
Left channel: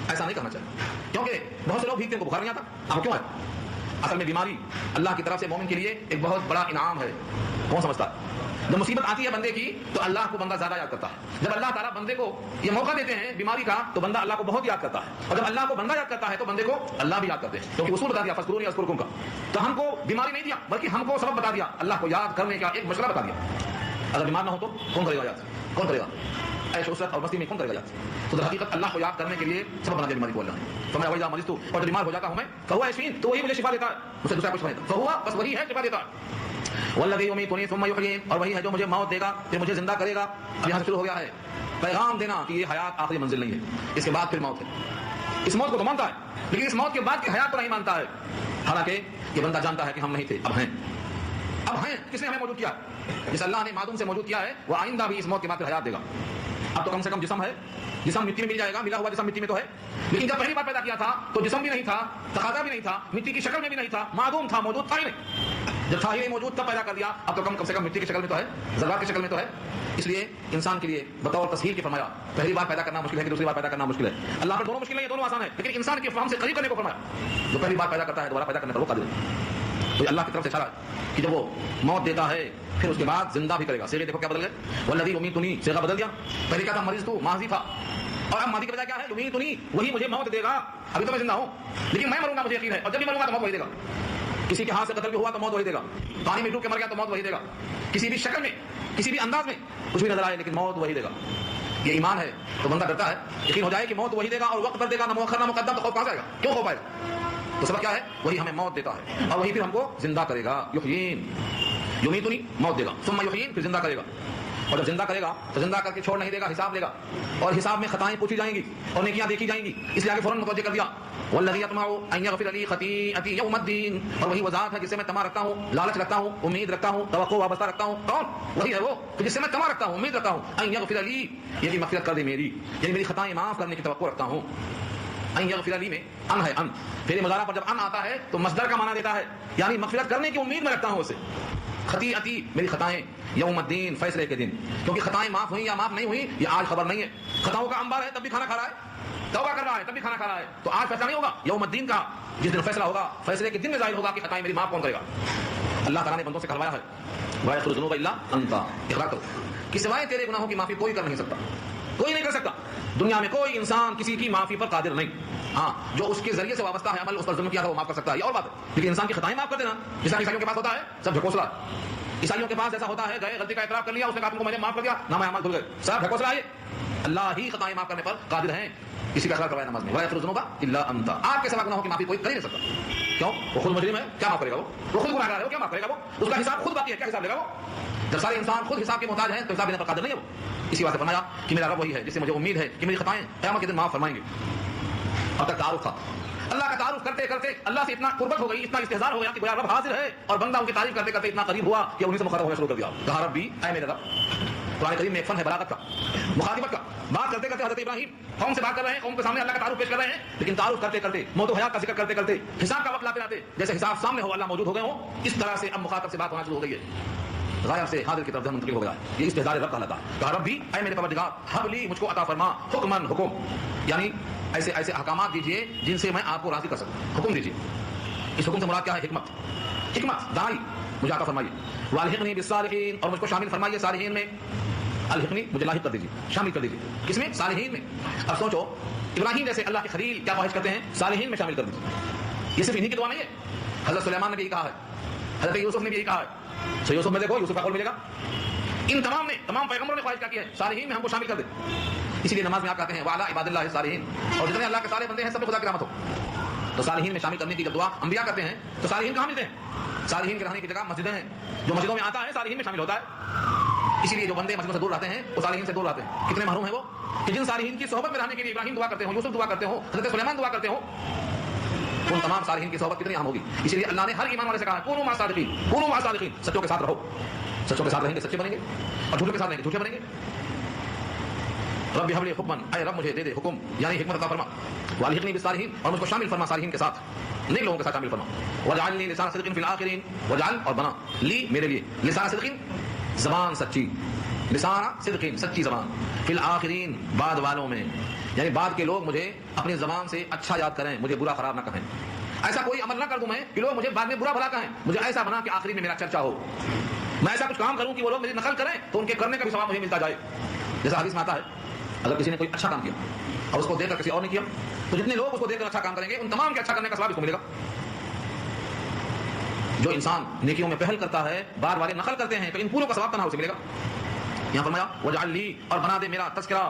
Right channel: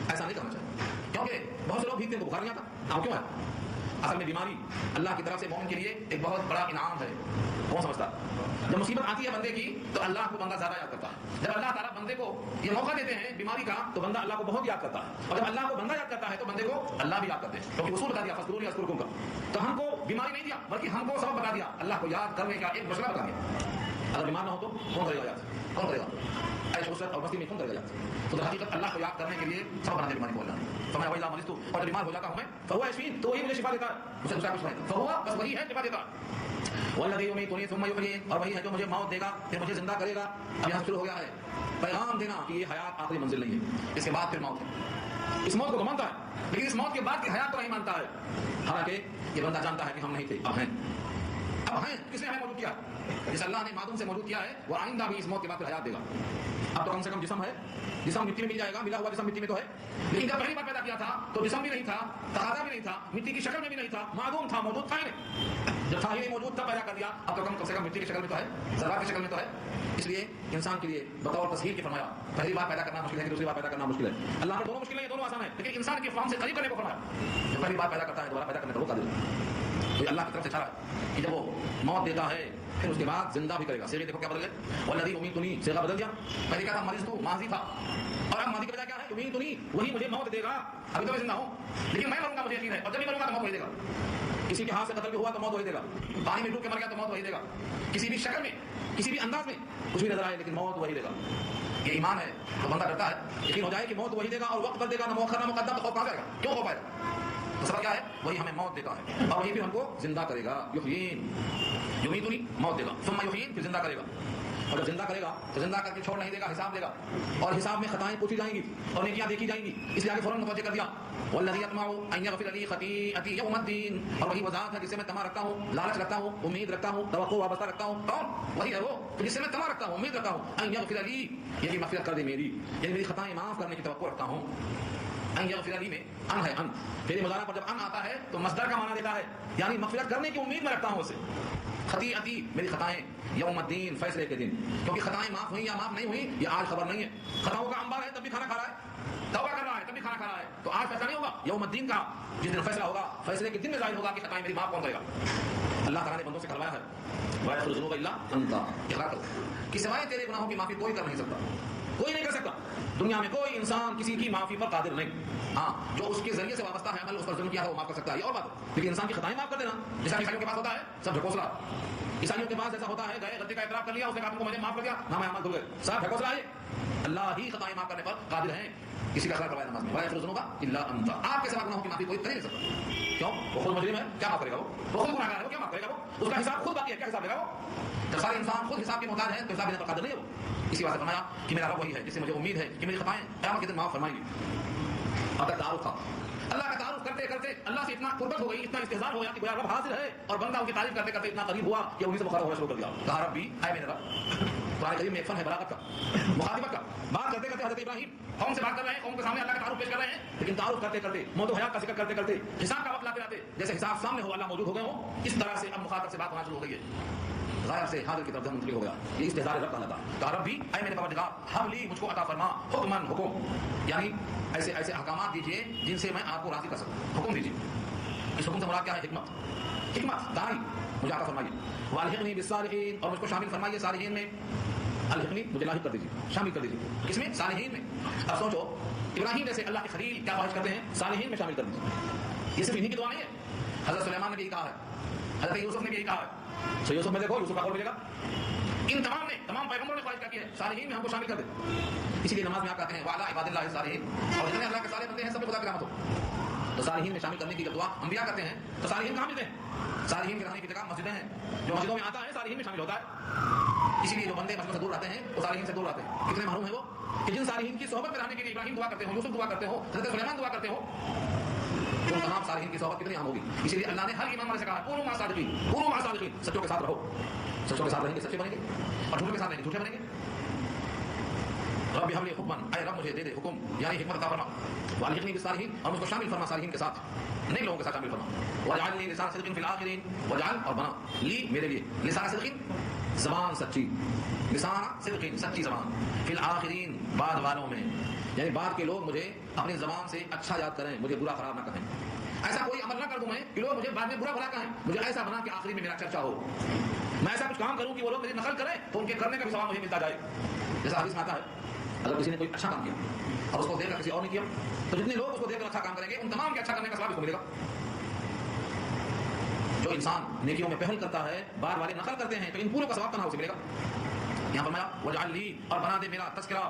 ایسا نہیں کہنا چاہیے. کیونکہ بہت سے لوگ بھیگتے ہیں کو بخار نہیں آتا. آپ کیوں آیا؟ اصل میں بیماری اللہ کی طرف سے مومن کے لیے ایک بہت بڑا انعام ہے. کون سمجھتا ہے؟ جب مصیبت آتی ہے بندے کی تو اللہ کو بندہ زیادہ یاد کرتا ہے. جب اللہ تعالیٰ بندے کو یہ موقع دیتے ہیں بیماری کا تو بندہ اللہ کو بہت یاد کرتا ہے, اور جب اللہ کو بندہ یاد کرتا ہے تو بندے کو اللہ بھی یاد کرتے ہیں. کیونکہ اصول بتا دیا فذکرونی اذکرکم کا, تو ہم کو بیماری نہیں دیا بلکہ ہم کو سبب بتا دیا, اللہ کو یاد کرنے کا ایک مشورہ بتا دیا. اگر بیمار نہ ہو تو کون کرے گا یاد, کون کرے گا عیش عشرت اور مستی میں کون کرے گا یاد؟ تو در حقیقت اللہ کو یاد کرنے کے لیے سبب بنا دیا بیماری کو اللہ نے. فرمایا وَإِذَا مَرِضْتُ, اور جب بیمار ہو جاتا ہوں میں فَهُوَ يَشْفِينِ, تو وہی مجھے شفا دیتا ہے, مجھ سے دوسرا کچھ نہیں دیتا. فَهُوَ, بس وہی ہے شفا دیتا ہے. والذی یمیتنی ثم یحیین, اور وہی ہے جو مجھے موت دے گا پھر مجھے زندہ کرے گا. اب یہاں سے شروع ہو گیا ہے پیغام دینا کہ یہ حیات آخری منزل نہیں ہے, اس کے بعد پھر موت ہے. اس موت کو تو مانتا ہے لیکن اس موت کے بعد کی حیات کو نہیں مانتا ہے. حالانکہ یہ بندہ جانتا ہے کہ ہم نہیں تھے, اب ہیں. اب ہیں, کس نے ہمیں موجود کیا؟ جس اللہ نے معدوم سے موجود کیا ہے وہ آئندہ بھی اس موت کے بعد پھر حیات دے گا. اب تو کم سے کم جسم ہے, جسم مٹی میں مل جائے گا, ملا ہوا جسم مٹی میں تو ہے, لیکن جب پہلی بار پیدا کیا تھا تو جسم بھی نہیں تھا, تقاضا بھی نہیں تھا, مٹی کی شکل میں بھی نہیں تھا, معدوم تھا, موجود تھا ہی نہیں. جب تھا ہی نہیں موجود تب پیدا کر دیا، اب تو کم سے کم مٹی کی شکل میں تو ہے، ذرات کی شکل میں تو ہے۔ اس لیے انسان کے لیے بطور تصہیر کے فرمایا پہلی بار پیدا کرنا مشکل ہے کہ دوسری بار پیدا کرنا مشکل ہے۔ اللہ پر دونوں مشکل نہیں ہے، دونوں آسان ہے، لیکن انسان کے فہم سے قریب کرنے کو فرمایا۔ جو پہلی بار پیدا کرتا ہے دوبارہ پیدا کرنے پر وہ قادر ہے۔ تو اللہ کی طرف سے اشارہ ہے کہ جب وہ موت دیتا ہے پھر اس کے بعد زندہ بھی کرے گا۔ صیغے دیکھو کیا بدل گئے، والذی یمیتنی، صیغہ بدل دیا۔ پہلے کیا تھا، مریض تو ماضی تھا، اور اب ماضی کے بجائے کیا ہے، یمیتنی، وہی مجھے موت دے گا۔ ابھی تو میں زندہ ہوں لیکن میں مروں گا، مجھے یقین ہے، اور جب بھی مروں گا تو موت وہی دے گا۔ کسی کے ہاتھ سے قتل بھی ہوا تو موت وہی دے گا، پانی میں ڈوب کے مر گیا تو موت وہی دے گا، کسی بھی شکل میں کسی بھی انداز میں کچھ بھی نظر آئے لیکن موت وہی دے گا۔ یہ ایمان ہے تو بندہ ڈرتا ہے، یقین ہو جائے کہ موت وہی دے گا اور وقت پر دے گا، نہ مؤخر نہ مقدم، تو خوف کہاں سے آئے گا، کیوں خوف آئے گا؟ تو سبق کیا ہے، وہی ہمیں موت دیتا ہے اور وہی پھر ہم کو زندہ کرے گا۔ یحیین، یمیتنی، موت دے گا، ثم یحیین، پھر زندہ کرے گا، اور جب زندہ کرے گا تو زندہ کر کے چھوڑ نہیں دے گا، حساب لے گا، اور حساب میں خطائیں پوچھی جائیں گی اور نیکیاں دیکھی جائیں گی۔ اس لیے آگے فوراً متوجہ کر دیا، والذی یطمع ان یغفر لی خطیئتی یوم الدین، اور وہی وہ ذات ہے جس سے میں طمع رکھتا ہوں، لالچ رکھتا ہوں، امید رکھتا ہوں، توقع وابستہ رکھتا ہوں۔ کون؟ وہی ہے وہ کہ جس سے میں طمع رکھتا ہوں، امید رکھتا ہوں، ان یغفر لی، یہ کہ مغفرت کر دے میری، یعنی میری خطائیں معاف کرنے کی توقع رکھتا ہوں۔ ان یغفر لی میں ان ہے، ان پھر مضارع پر جب ان آتا ہے تو مصدر کا معنی دیتا ہے، یعنی مغفرت کرنے کی امید میں رکھتا ہوں اسے۔ خطیئتی، میری خطائیں، یوم الدین، فیصلے کے دن، کیونکہ خطائیں معاف ہوئیں یا معاف نہیں ہوئی یہ آج خبر نہیں ہے۔ خطاؤں کا انبار ہے تب بھی کھانا کھا رہا ہے، توبہ کر رہا ہے تب بھی کھانا کھا رہا ہے، تو آج فیصلہ نہیں ہوگا، یوم الدین کا جس دن فیصلہ ہوگا، فیصلے کے دن میں ظاہر ہوگا کہ خطائیں میری معاف کون کرے گا۔ اللہ تعالیٰ نے بندوں سے کہلوایا ہے، وَيَغْفِرُ الذُّنُوبَ إِلَّا أَنْتَ، اقرار کرو کہ سوائے تیرے گناہوں کی معافی کوئی کر نہیں سکتا، کوئی نہیں کر سکتا، دنیا میں کوئی انسان کسی کی معافی پر قادر نہیں۔ ہاں، جو اس کے ذریعے سے وابستہ ہے عمل، اس پر ظلم کیا تھا وہ معاف کر سکتا ہے، یہ اور بات ہے، لیکن انسان کی خطائیں معاف کر دینا، جیسا کہ عیسائیوں کے پاس ہوتا ہے، سب ڈھکوسلا ہے۔ عیسائیوں کے پاس جیسا ہوتا ہے، گئے غلطی کا اعتراف کر لیا، اس نے کہا تم کو میں نے معاف کر دیا، نام اعمال دھل گئے، سب ڈھکوسلا ہے۔ اللہ ہی خطائیں معاف کرنے پر قادر ہیں، اسی کا اقرار کروایا نماز میں، وَيَغْفِرُ الذُّنُوبَ إِلَّا أَنْتَ، آپ کے سوا گناہوں کی معافی کوئی کر ہی نہیں سکتا۔ کیوں؟ وہ خود مجرم ہے، کیا معاف کرے گا؟ وہ خود گنہگار ہے، وہ کیا معاف کرے گا؟ وہ اس کا حساب خود باقی ہے، کیا حساب لے گا وہ؟ جب سارے انسان خود حساب کے محتاج ہیں تو حساب لینے پر قادر نہیں ہے وہ۔ اسی واسطے فرمایا کہ میرا رب وہی ہے جس سے مجھے امید ہے کہ میری خطائیں قیامت کے دن معاف فرمائیں گے۔ اب تک تعارف تھا، اللہ کا تعارف کرتے کرتے اللہ سے اتنا قربت ہو گئی، اتنا استحضار ہو گیا کہ گویا رب حاضر ہے، اور بندہ ان کی تعریف کرتے کرتے اتنا قریب ہوا کہ انہیں سے مخاطب ہونا شروع کر دیا، کہا ربی، اے میرے رب۔ قرآن کریم میں ایک فن ہے بلاغت کا، مخاطبت کا، بات کرتے کرتے حضرت ابراہیم قوم سے بات کر رہے ہیں، قوم کے سامنے اللہ کا تعارف پیش کر رہے ہیں، لیکن تعارف کرتے کرتے موت و حیات کا ذکر کرتے کرتے حساب کا وقت لاتے لاتے جیسے حساب سامنے ہو، اللہ موجود ہو گئے ہوں، اس طرح سے اب مخاطب سے بات ہونا شروع ہو گئی ہے، غائب سے حاضر کی طرف ذہن منتقل ہو گیا، یہ استحضار رب کہلاتا ہے۔ کہا ربی، اے میرے پروردگار، حب لی، مجھ کو عطا فرما، حکمن، حکم، یعنی ایسے ایسے احکامات دیجئے جن سے میں آپ کو راضی کر سکوں، حکم دیجئے۔ اس حکم سے مراد کیا ہے؟ حکمت، حکمت دائی مجھے عطا فرمائیے، والحقنی بالصالحین، اور مجھ کو شامل فرمائیے صالحین میں، الحقنی مجھے لاحق کر دیجیے، شامل کر دیجیے، کس میں؟ صالحین میں۔ اب سوچو ابراہیم جیسے اللہ کے خلیل کیا خواہش کرتے ہیں؟ صالحین میں شامل کر دیجیے۔ یہ صرف انہی کی دعا نہیں ہے، حضرت سلیمان نے بھی یہی کہا ہے، حضرت یوسف نے بھی یہی کہا ہے، سو یوسف میں دیکھو یوسف کا قول ملے گا، ان تمام نے، تمام پیغمبروں نے خواہش کیا کی ہے، صالحین میں ہم کو شامل کر دے۔ اسی لیے نماز میں آپ کہتے ہیں وعلی عباد اللہ الصالحین، اور جتنے اللہ کے صالح بندے ہیں سب پہ خدا کی رحمت ہو، تو صالحین میں شامل کرنے کی جب دعا انبیاء کرتے ہیں تو صالحین کہاں ملتے ہیں؟ صالحین کے رہنے کی جگہ مسجدیں ہیں، جو مسجدوں میں آتا ہے صالحین میں شامل ہوتا ہے۔ اسی لیے جو بندے مسجدوں سے دور رہتے ہیں وہ صالحین سے دور رہتے ہیں، کتنے محروم ہیں وہ کہ جن صالحین کی صحبت میں رہنے کے لیے ابراہیم دعا کرتے ہوں، یوسف دعا کرتے ہوں، حضرت سلیمان دعا کرتے ہوں، ان تمام صالحین کی صحبت کتنی اہم ہوگی۔ اسی لیے اللہ نے ہر ایمان والے سے کہا ہے کونوا صادقین، کونوا صادقین، سچوں کے ساتھ رہو، سچوں کے ساتھ رہیں گے سچے بنیں گے، اور جھوٹوں کے ساتھ رہیں گے جھوٹے بنیں گے۔ رب حب لی حکمن، اے رب مجھے دے دے حکم، یعنی حکمت عطا فرما، والحقنی بالصالحین، اور مجھ کو شامل فرما صالحین کے ساتھ، نیک لوگوں کے ساتھ شامل فرما، واجعل لی لسان صدق فی الآخرین، واجعل، اور بنا، لی میرے لیے، لسان صدق زبان سچی، لسان صدق سچی زبان، فی الآخرین بعد والوں میں، یعنی بعد کے لوگ مجھے اپنی زبان سے اچھا یاد کریں، مجھے برا خراب نہ کہیں، ایسا کوئی عمل نہ کر دوں میں کہ لوگ مجھے بعد میں برا بھلا کہیں، مجھے ایسا بنا کہ آخری میں میرا چرچا ہو، میں ایسا کچھ کام کروں کہ وہ لوگ میری نقل کریں تو ان کے کرنے کا بھی ثواب مجھے ملتا جائے۔ جیسا حدیث میں آتا ہے اگر کسی نے کوئی اچھا کام کیا اور اس کو دیکھ کر کسی اور نے کیا تو جتنے لوگ اس کو دیکھ کر اچھا کام کریں گے ان تمام کے اچھا کرنے کا ثواب اس کو ملے گا۔ جو انسان نیکیوں میں پہل کرتا ہے بار بار نقل کرتے ہیں تو ان پوروں کا ثواب تنہا اسے ملے گا۔ یہاں فرمایا وجعل لی، اور بنا دے میرا تذکرہ،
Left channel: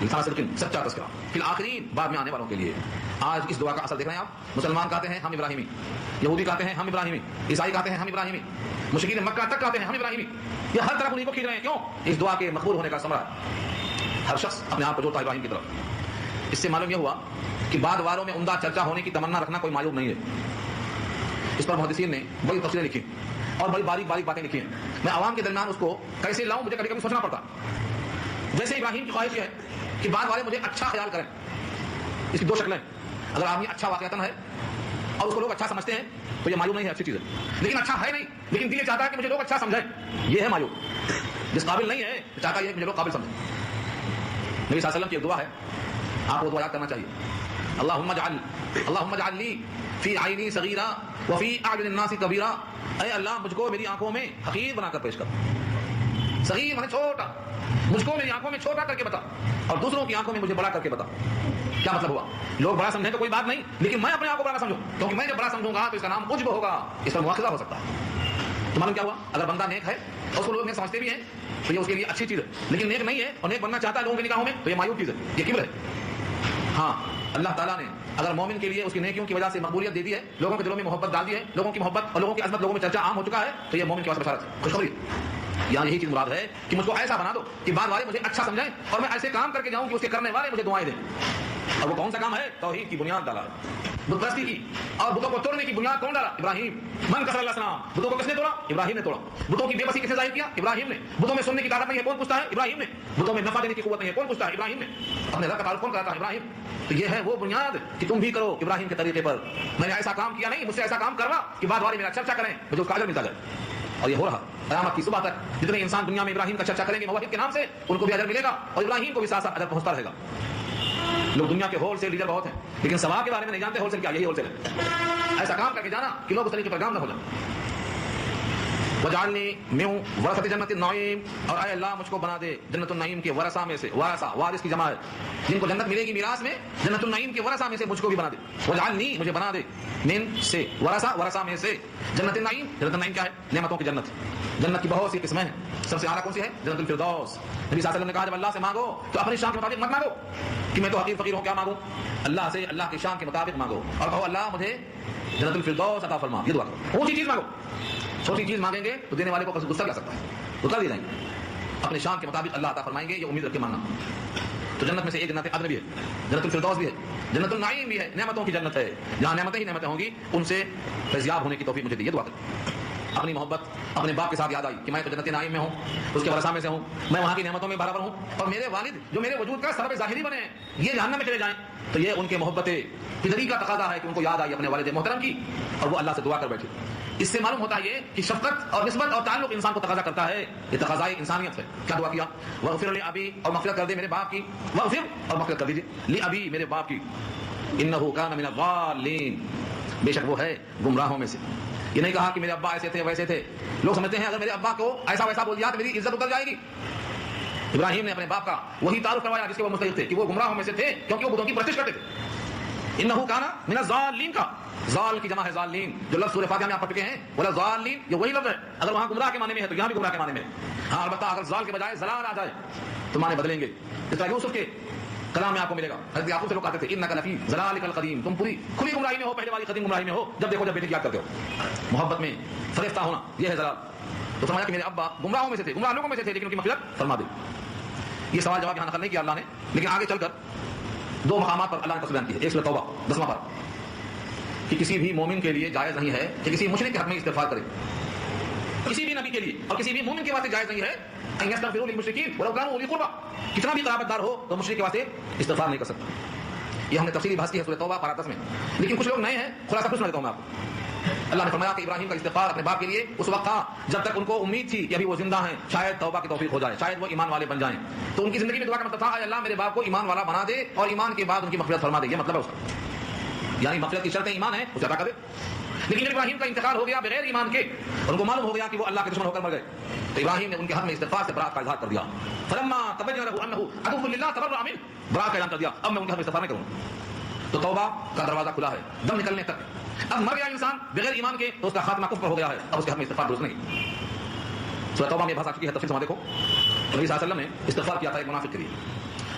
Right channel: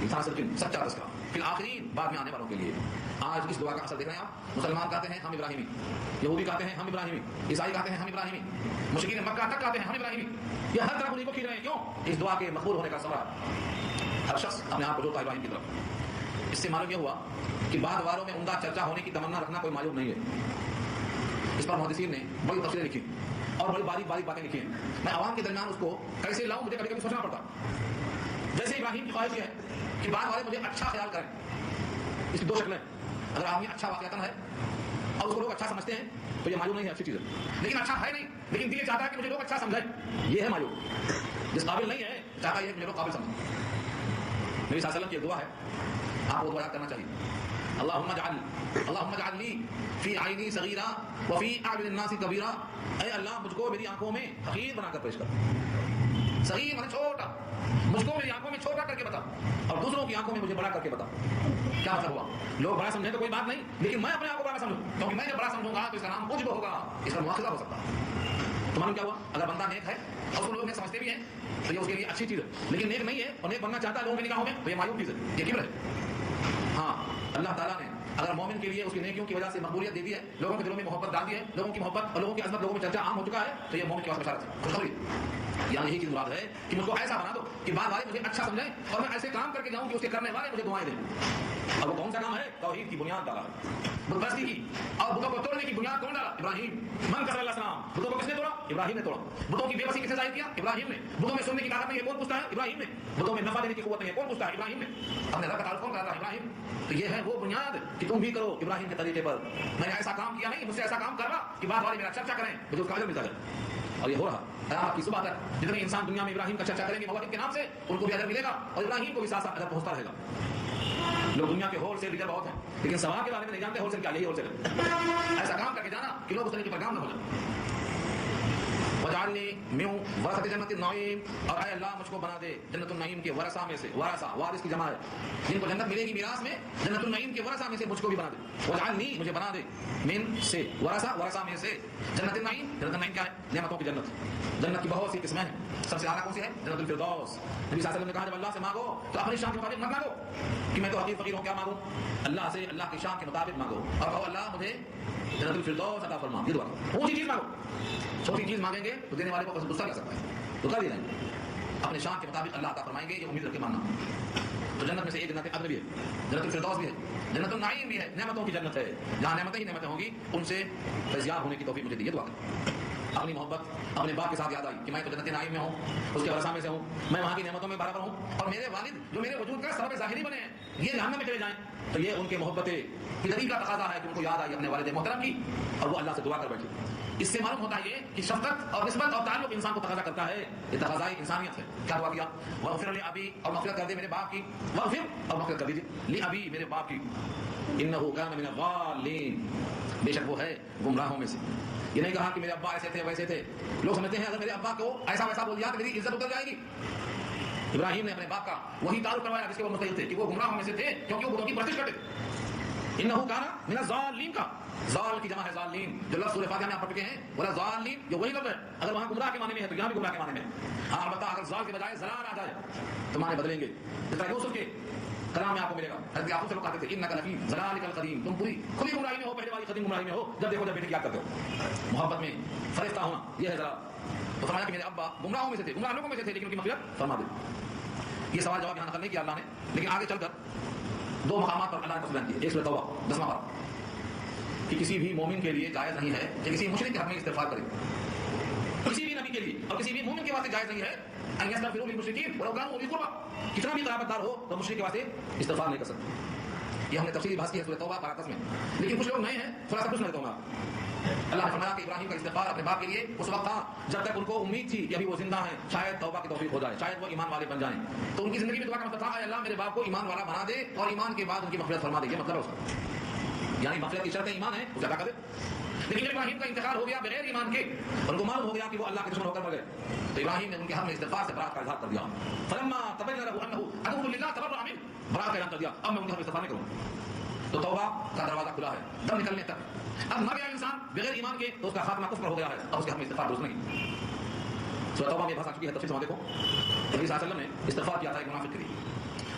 سچا تذکرہ، فی الآخرین بعد میں آنے والوں کے لیے۔ آج اس دعا کا اثر دیکھ رہے ہیں آپ، مسلمان کہتے ہیں ہم ابراہیمی، یہودی کہتے ہیں ہم ابراہیمی، عیسائی کہتے ہیں ہم ابراہیمی، مشرکین مکہ تک کہتے ہیں ہم ابراہیمی، یہ ہر طرف انہیں کو کھینچ رہے ہیں۔ کیوں؟ اس دعا کے مقبول ہونے کا ثمرہ ہر شخص اپنے آپ کو جوڑتا ہے ابراہیم کی طرف۔ اس سے معلوم یہ ہوا کہ بعد والوں میں عمدہ چرچا ہونے کی تمنا رکھنا کوئی معیوب نہیں ہے۔ اس پر محدثین نے بڑی تفصیلیں لکھی اور بڑی باریک باریک باتیں لکھی ہیں، میں عوام کے درمیان اس کو کیسے لاؤں مجھے کبھی کبھی سوچنا پڑتا۔ جیسے ابراہیم کی خواہش یہ ہے کہ بعد والے مجھے اچھا خیال کریں، اس کی دو شکلیں، اگر آدمی اچھا واقعتاً ہے اور اس کو لوگ اچھا سمجھتے ہیں تو یہ مایوب نہیں ہے، اچھی چیز ہے، لیکن اچھا ہے نہیں، لیکن دل یہ چاہتا ہے کہ مجھے لوگ اچھا سمجھیں، یہ ہے مایوب۔ جس قابل نہیں ہے چاہتا یہ ہے کہ مجھے لوگ قابل سمجھیں۔ نبی صلی اللہ علیہ وسلم کی ایک دعا ہے، آپ کو دعا یاد کرنا چاہیے، اللہم اجعل لی فی عینی صغیرا وفی اعین الناس کبیرا، اے اللہ مجھ کو میری آنکھوں میں حقیر بنا کر پیش کر، صغیر مانے چھوٹا، مجھ کو میری آنکھوں میں چھوٹا کر کے بتا، اور دوسروں کی آنکھوں میں مجھے بڑا کر کے بتا۔ کیا مطلب ہوا؟ لوگ بڑا سمجھیں تو کوئی بات نہیں، لیکن میں اپنے آپ کو بڑا نہ سمجھوں، کیونکہ میں جب بڑا سمجھوں گا تو اس کا نام عجب ہوگا، اس پر مواخذہ ہو سکتا ہے۔ تو معلوم کیا ہوا؟ اگر بندہ نیک ہے اور اس کو لوگ نیک سمجھتے بھی ہیں تو یہ اس کے لیے اچھی چیز ہے، لیکن نیک نہیں ہے اور نیک بننا چاہتا ہے لوگوں کی نگاہوں میں تو یہ مایوب چیز ہے، یہ کبر ہے۔ ہاں اللہ تعالیٰ نے اگر مومن کے لیے اس کی نیکیوں کی وجہ سے مقبولیت دے دی ہے، لوگوں کے دلوں میں محبت ڈال دی ہے، لوگوں کی محبت اور لوگوں کی عظمت لوگوں میں چرچا عام ہو چکا ہے، تو یہ مومن کے واسطے بشارت ہے، خوشخبری۔ یہاں یہی چیز مراد ہے کہ مجھ کو ایسا بنا دو کہ بعد والے مجھے اچھا سمجھیں اور میں ایسے کام کر کے جاؤں کہ اس کے کرنے والے مجھے دعائیں دیں۔ اور وہ کون سا کام ہے؟ توحید کی بنیاد ڈالا ہے، بت پرستی کی، اور بتوں کو توڑنے کی بنیاد کون ڈالا؟ ابراہیم۔ من کسر اللہ السلام، بتوں کو کس نے توڑا؟ ابراہیم نے توڑا۔ بتوں کی بے بسی کس نے ظاہر کیا؟ ابراہیم نے۔ بتوں میں سننے کی طاقت نہیں ہے، کون پوچھتا ہے؟ ابراہیم نے۔ بتوں میں نفع دینے کی قوت نہیں ہے، کون پوچھتا ہے؟ ابراہیم نے۔ اپنے رب کا تعارف کون کراتا ہے؟ ابراہیم۔ تو یہ ہے وہ بنیاد کہ تم بھی کرو ابراہیم کے طریقے پر، میں نے ایسا کام کیا نہیں، مجھ سے ایسا کام کروا کہ بعد والے میرا چرچا کریں، مجھے اس کا اجر ملتا جائے۔ اور یہ ہو رہا قیامت کی صبح تک جتنے انسان دنیا میں ابراہیم کا چرچا کریں گے موحد کے نام سے، ان کو بھی اجر ملے گا اور ابراہیم کو بھی ساتھ ساتھ اجر پہنچتا رہے گا۔ لوگ دنیا کے ہول سیل لیڈر بہت ہیں، لیکن ثواب کے بارے میں نہیں جانتے ہول سیل کیا، یہی ہول سیل ہے، ایسا کام کر کے جانا کہ لوگ اس طریقے پر گام نہ ہو جائیں۔ وجعلنی من ورثۃ جنت النعیم، اور اے اللہ مجھ کو بنا دے جنت النعیم کے ورثہ میں سے، ورثہ وارث کی جمع ہے، جن کو جنت ملے گی میراث میں، جنت النعیم کے ورثہ میں سے مجھ کو بھی بنا دے۔ وجعلنی مجھے بنا دے من سے ورثہ میں سے جنت النعیم۔ جنت النعیم کیا ہے؟ نعمتوں کی جنت۔ جنت کی بہت سی قسمیں ہیں، سب سے اعلیٰ کون سی ہے؟ جنت الفردوس۔ نبی صلی اللہ علیہ وسلم نے کہا جب اللہ سے مانگو تو اپنی شان کے مطابق مت مانگو کہ میں تو حقیر فقیر ہوں، کیا مانگوں؟ اللہ سے اللہ کی شان کے مطابق مانگو اور کہو اللہ مجھے جنت الفردوس عطا فرما، یہ دعا کرو۔ اونچی چیز مانگو، چھوٹی چیز مانگیں گے تو دینے والے کو غصہ بھی آ سکتا ہے، اتار دی جائیں گے، اپنے شان کے مطابق اللہ عطا فرمائیں گے، یہ امید رکھ کے مانگنا۔ تو جنت میں سے ایک جنت عدن بھی ہے، جنت الفردوس بھی ہے، جنت النعیم بھی ہے، نعمتوں کی جنت ہے، جہاں نعمتیں ہی نعمتیں ہوں گی، ان سے فیضیاب ہونے کی توفیق مجھے دی، یہ دعا کریں۔ اپنی محبت اپنے باپ کے ساتھ یاد آئی کہ میں تو جنت نعیم میں ہوں، اس کے ورثہ میں سے ہوں، میں وہاں کی نعمتوں میں برابر ہوں، اور میرے والد جو میرے وجود کا سبب ظاہری بنے ہیں یہ جہنم میں چلے جائیں، تو یہ ان کے محبت پدری کا تقاضا ہے کہ ان کو یاد آئی اپنے والد محترم کی، اور وہ اللہ سے دعا کر بیٹھے۔ اس سے معلوم ہوتا ہے یہ کہ شفقت اور نسبت اور تعلق انسان کو تقاضا کرتا ہے، یہ تقاضائے انسانیت ہے۔ کیا دعا کیا؟ واغفر لی ابی، اور مغفرت کر دے میرے باپ کی، واغفر اور مغفرت کر دیجیے لی ابی میرے باپ کی، انہ کان من الضالین، بے شک وہ ہے گمراہوں میں سے۔ یہ نہیں کہا کہ میرے ابا ایسے تھے ویسے تھے، لوگ سمجھتے ہیں اگر میرے ابا کو ایسا ویسا بول دیا تو میری عزت اتر جائے گی۔ ابراہیم نے اپنے باپ کا وہی تعارف کروایا جس کے وہ مستحق تھے کہ وہ گمراہوں میں سے تھے، کیونکہ وہ بتوں کی پرستش کرتے تھے۔ انہ کان من الضالین کا ضال کی جمع ہے ضالین، جو لفظ سورہ فاتحہ میں آپ پڑھ چکے ہیں، ولا ضالین یہ وہی لفظ ہے، اگر وہاں گمراہ کے معنی میں ہے تو یہاں بھی گمراہ کے معنی میں ہے۔ ہاں البتہ اگر ضال کے بجائے ضلال آ جائے تو معنی بدلیں گے، جس طرح یوسف کے کلام میں آپ کو ملے گا، حضرت یعقوب سے لوگ کہتے تھے انک لفی ضلالک القدیم، تم پوری کھلی گمراہی میں ہو، پہلے والی قدیم گمراہی میں ہو، جب دیکھو جب بیٹے کی یاد کرتے ہو۔ محبت میں فریفتہ ہونا یہ ہے ضلال۔ تو فرمایا کہ میرے ابا گمراہوں میں سے تھے، گمراہ لوگوں میں سے تھے، لیکن ان کی مغفرت فرما دے۔ یہ سوال جواب یہاں نقل نہیں کیا اللہ نے، لیکن آگے چل کر دو مقامات پر اللہ نے تفصیل بیان کی ہے۔ ایک سورہ توبہ 10واں پارہ کہ کسی بھی مومن کے لیے جائز نہیں ہے کہ کسی مشرک کے حق میں استغفار کرے، کسی بھی نبی کے لیے اور کسی بھی مومن کے واسطے جائز نہیں ہے ان یستغفروا للمشرکین ولو کانوا اولی قربى، کتنا بھی قرابت دار ہو تو مشرک کے واسطے استغفار نہیں کر سکتا۔ یہ ہم نے تفصیلی بحث کی ہے سورہ توبہ پارہ 10 میں، لیکن کچھ لوگ نئے ہیں، خلاصہ کچھ سنا دیتا ہوں میں آپ کو۔ اللہ نے فرمایا کہ ابراہیم کا استغفار اپنے باپ کے لیے اس وقت تھا جب تک ان کو امید تھی کہ ابھی وہ زندہ ہیں، شاید توبہ کی توفیق ہو جائے، شاید وہ ایمان والے بن جائیں، تو ان کی زندگی میں دعا کا مطلب تھا اے اللہ میرے باپ کو ایمان والا بنا دے اور ایمان کے بعد ان کی مغفرت فرما دے، یہ مطلب ہے اس کا، یعنی مغفرت کی شرط ایمان ہے اسے عطا کر دے۔ لیکن ابراہیم کا انتقال ہو گیا بغیر ایمان کے، ان کو معلوم ہو گیا کہ وہ اللہ کے دشمن ہو کر مر گئے، تو ابراہیم نے ان کے حق میں استغفار سے برات کا اظہار کر دیا۔ فلما تبین له انه عدو لله تبرأ منه، برات کا اعلان کر دیا، اب میں ان کے حق میں استغفار نہیں کروں گا۔ تو توبہ کا دروازہ کھلا ہے دم نکلنے تک۔ اب مر گیا انسان بغیر ایمان کے تو اس کا خاتمہ کفر ہو گیا ہے، اب اس کے حق میں استغفار درست نہیں۔ سورہ توبہ میں بحث آ چکی ہے، تفصیل سے دیکھو۔ نبی صلی اللہ علیہ وسلم نے استغفار کیا تھا ایک منافق کے لیے،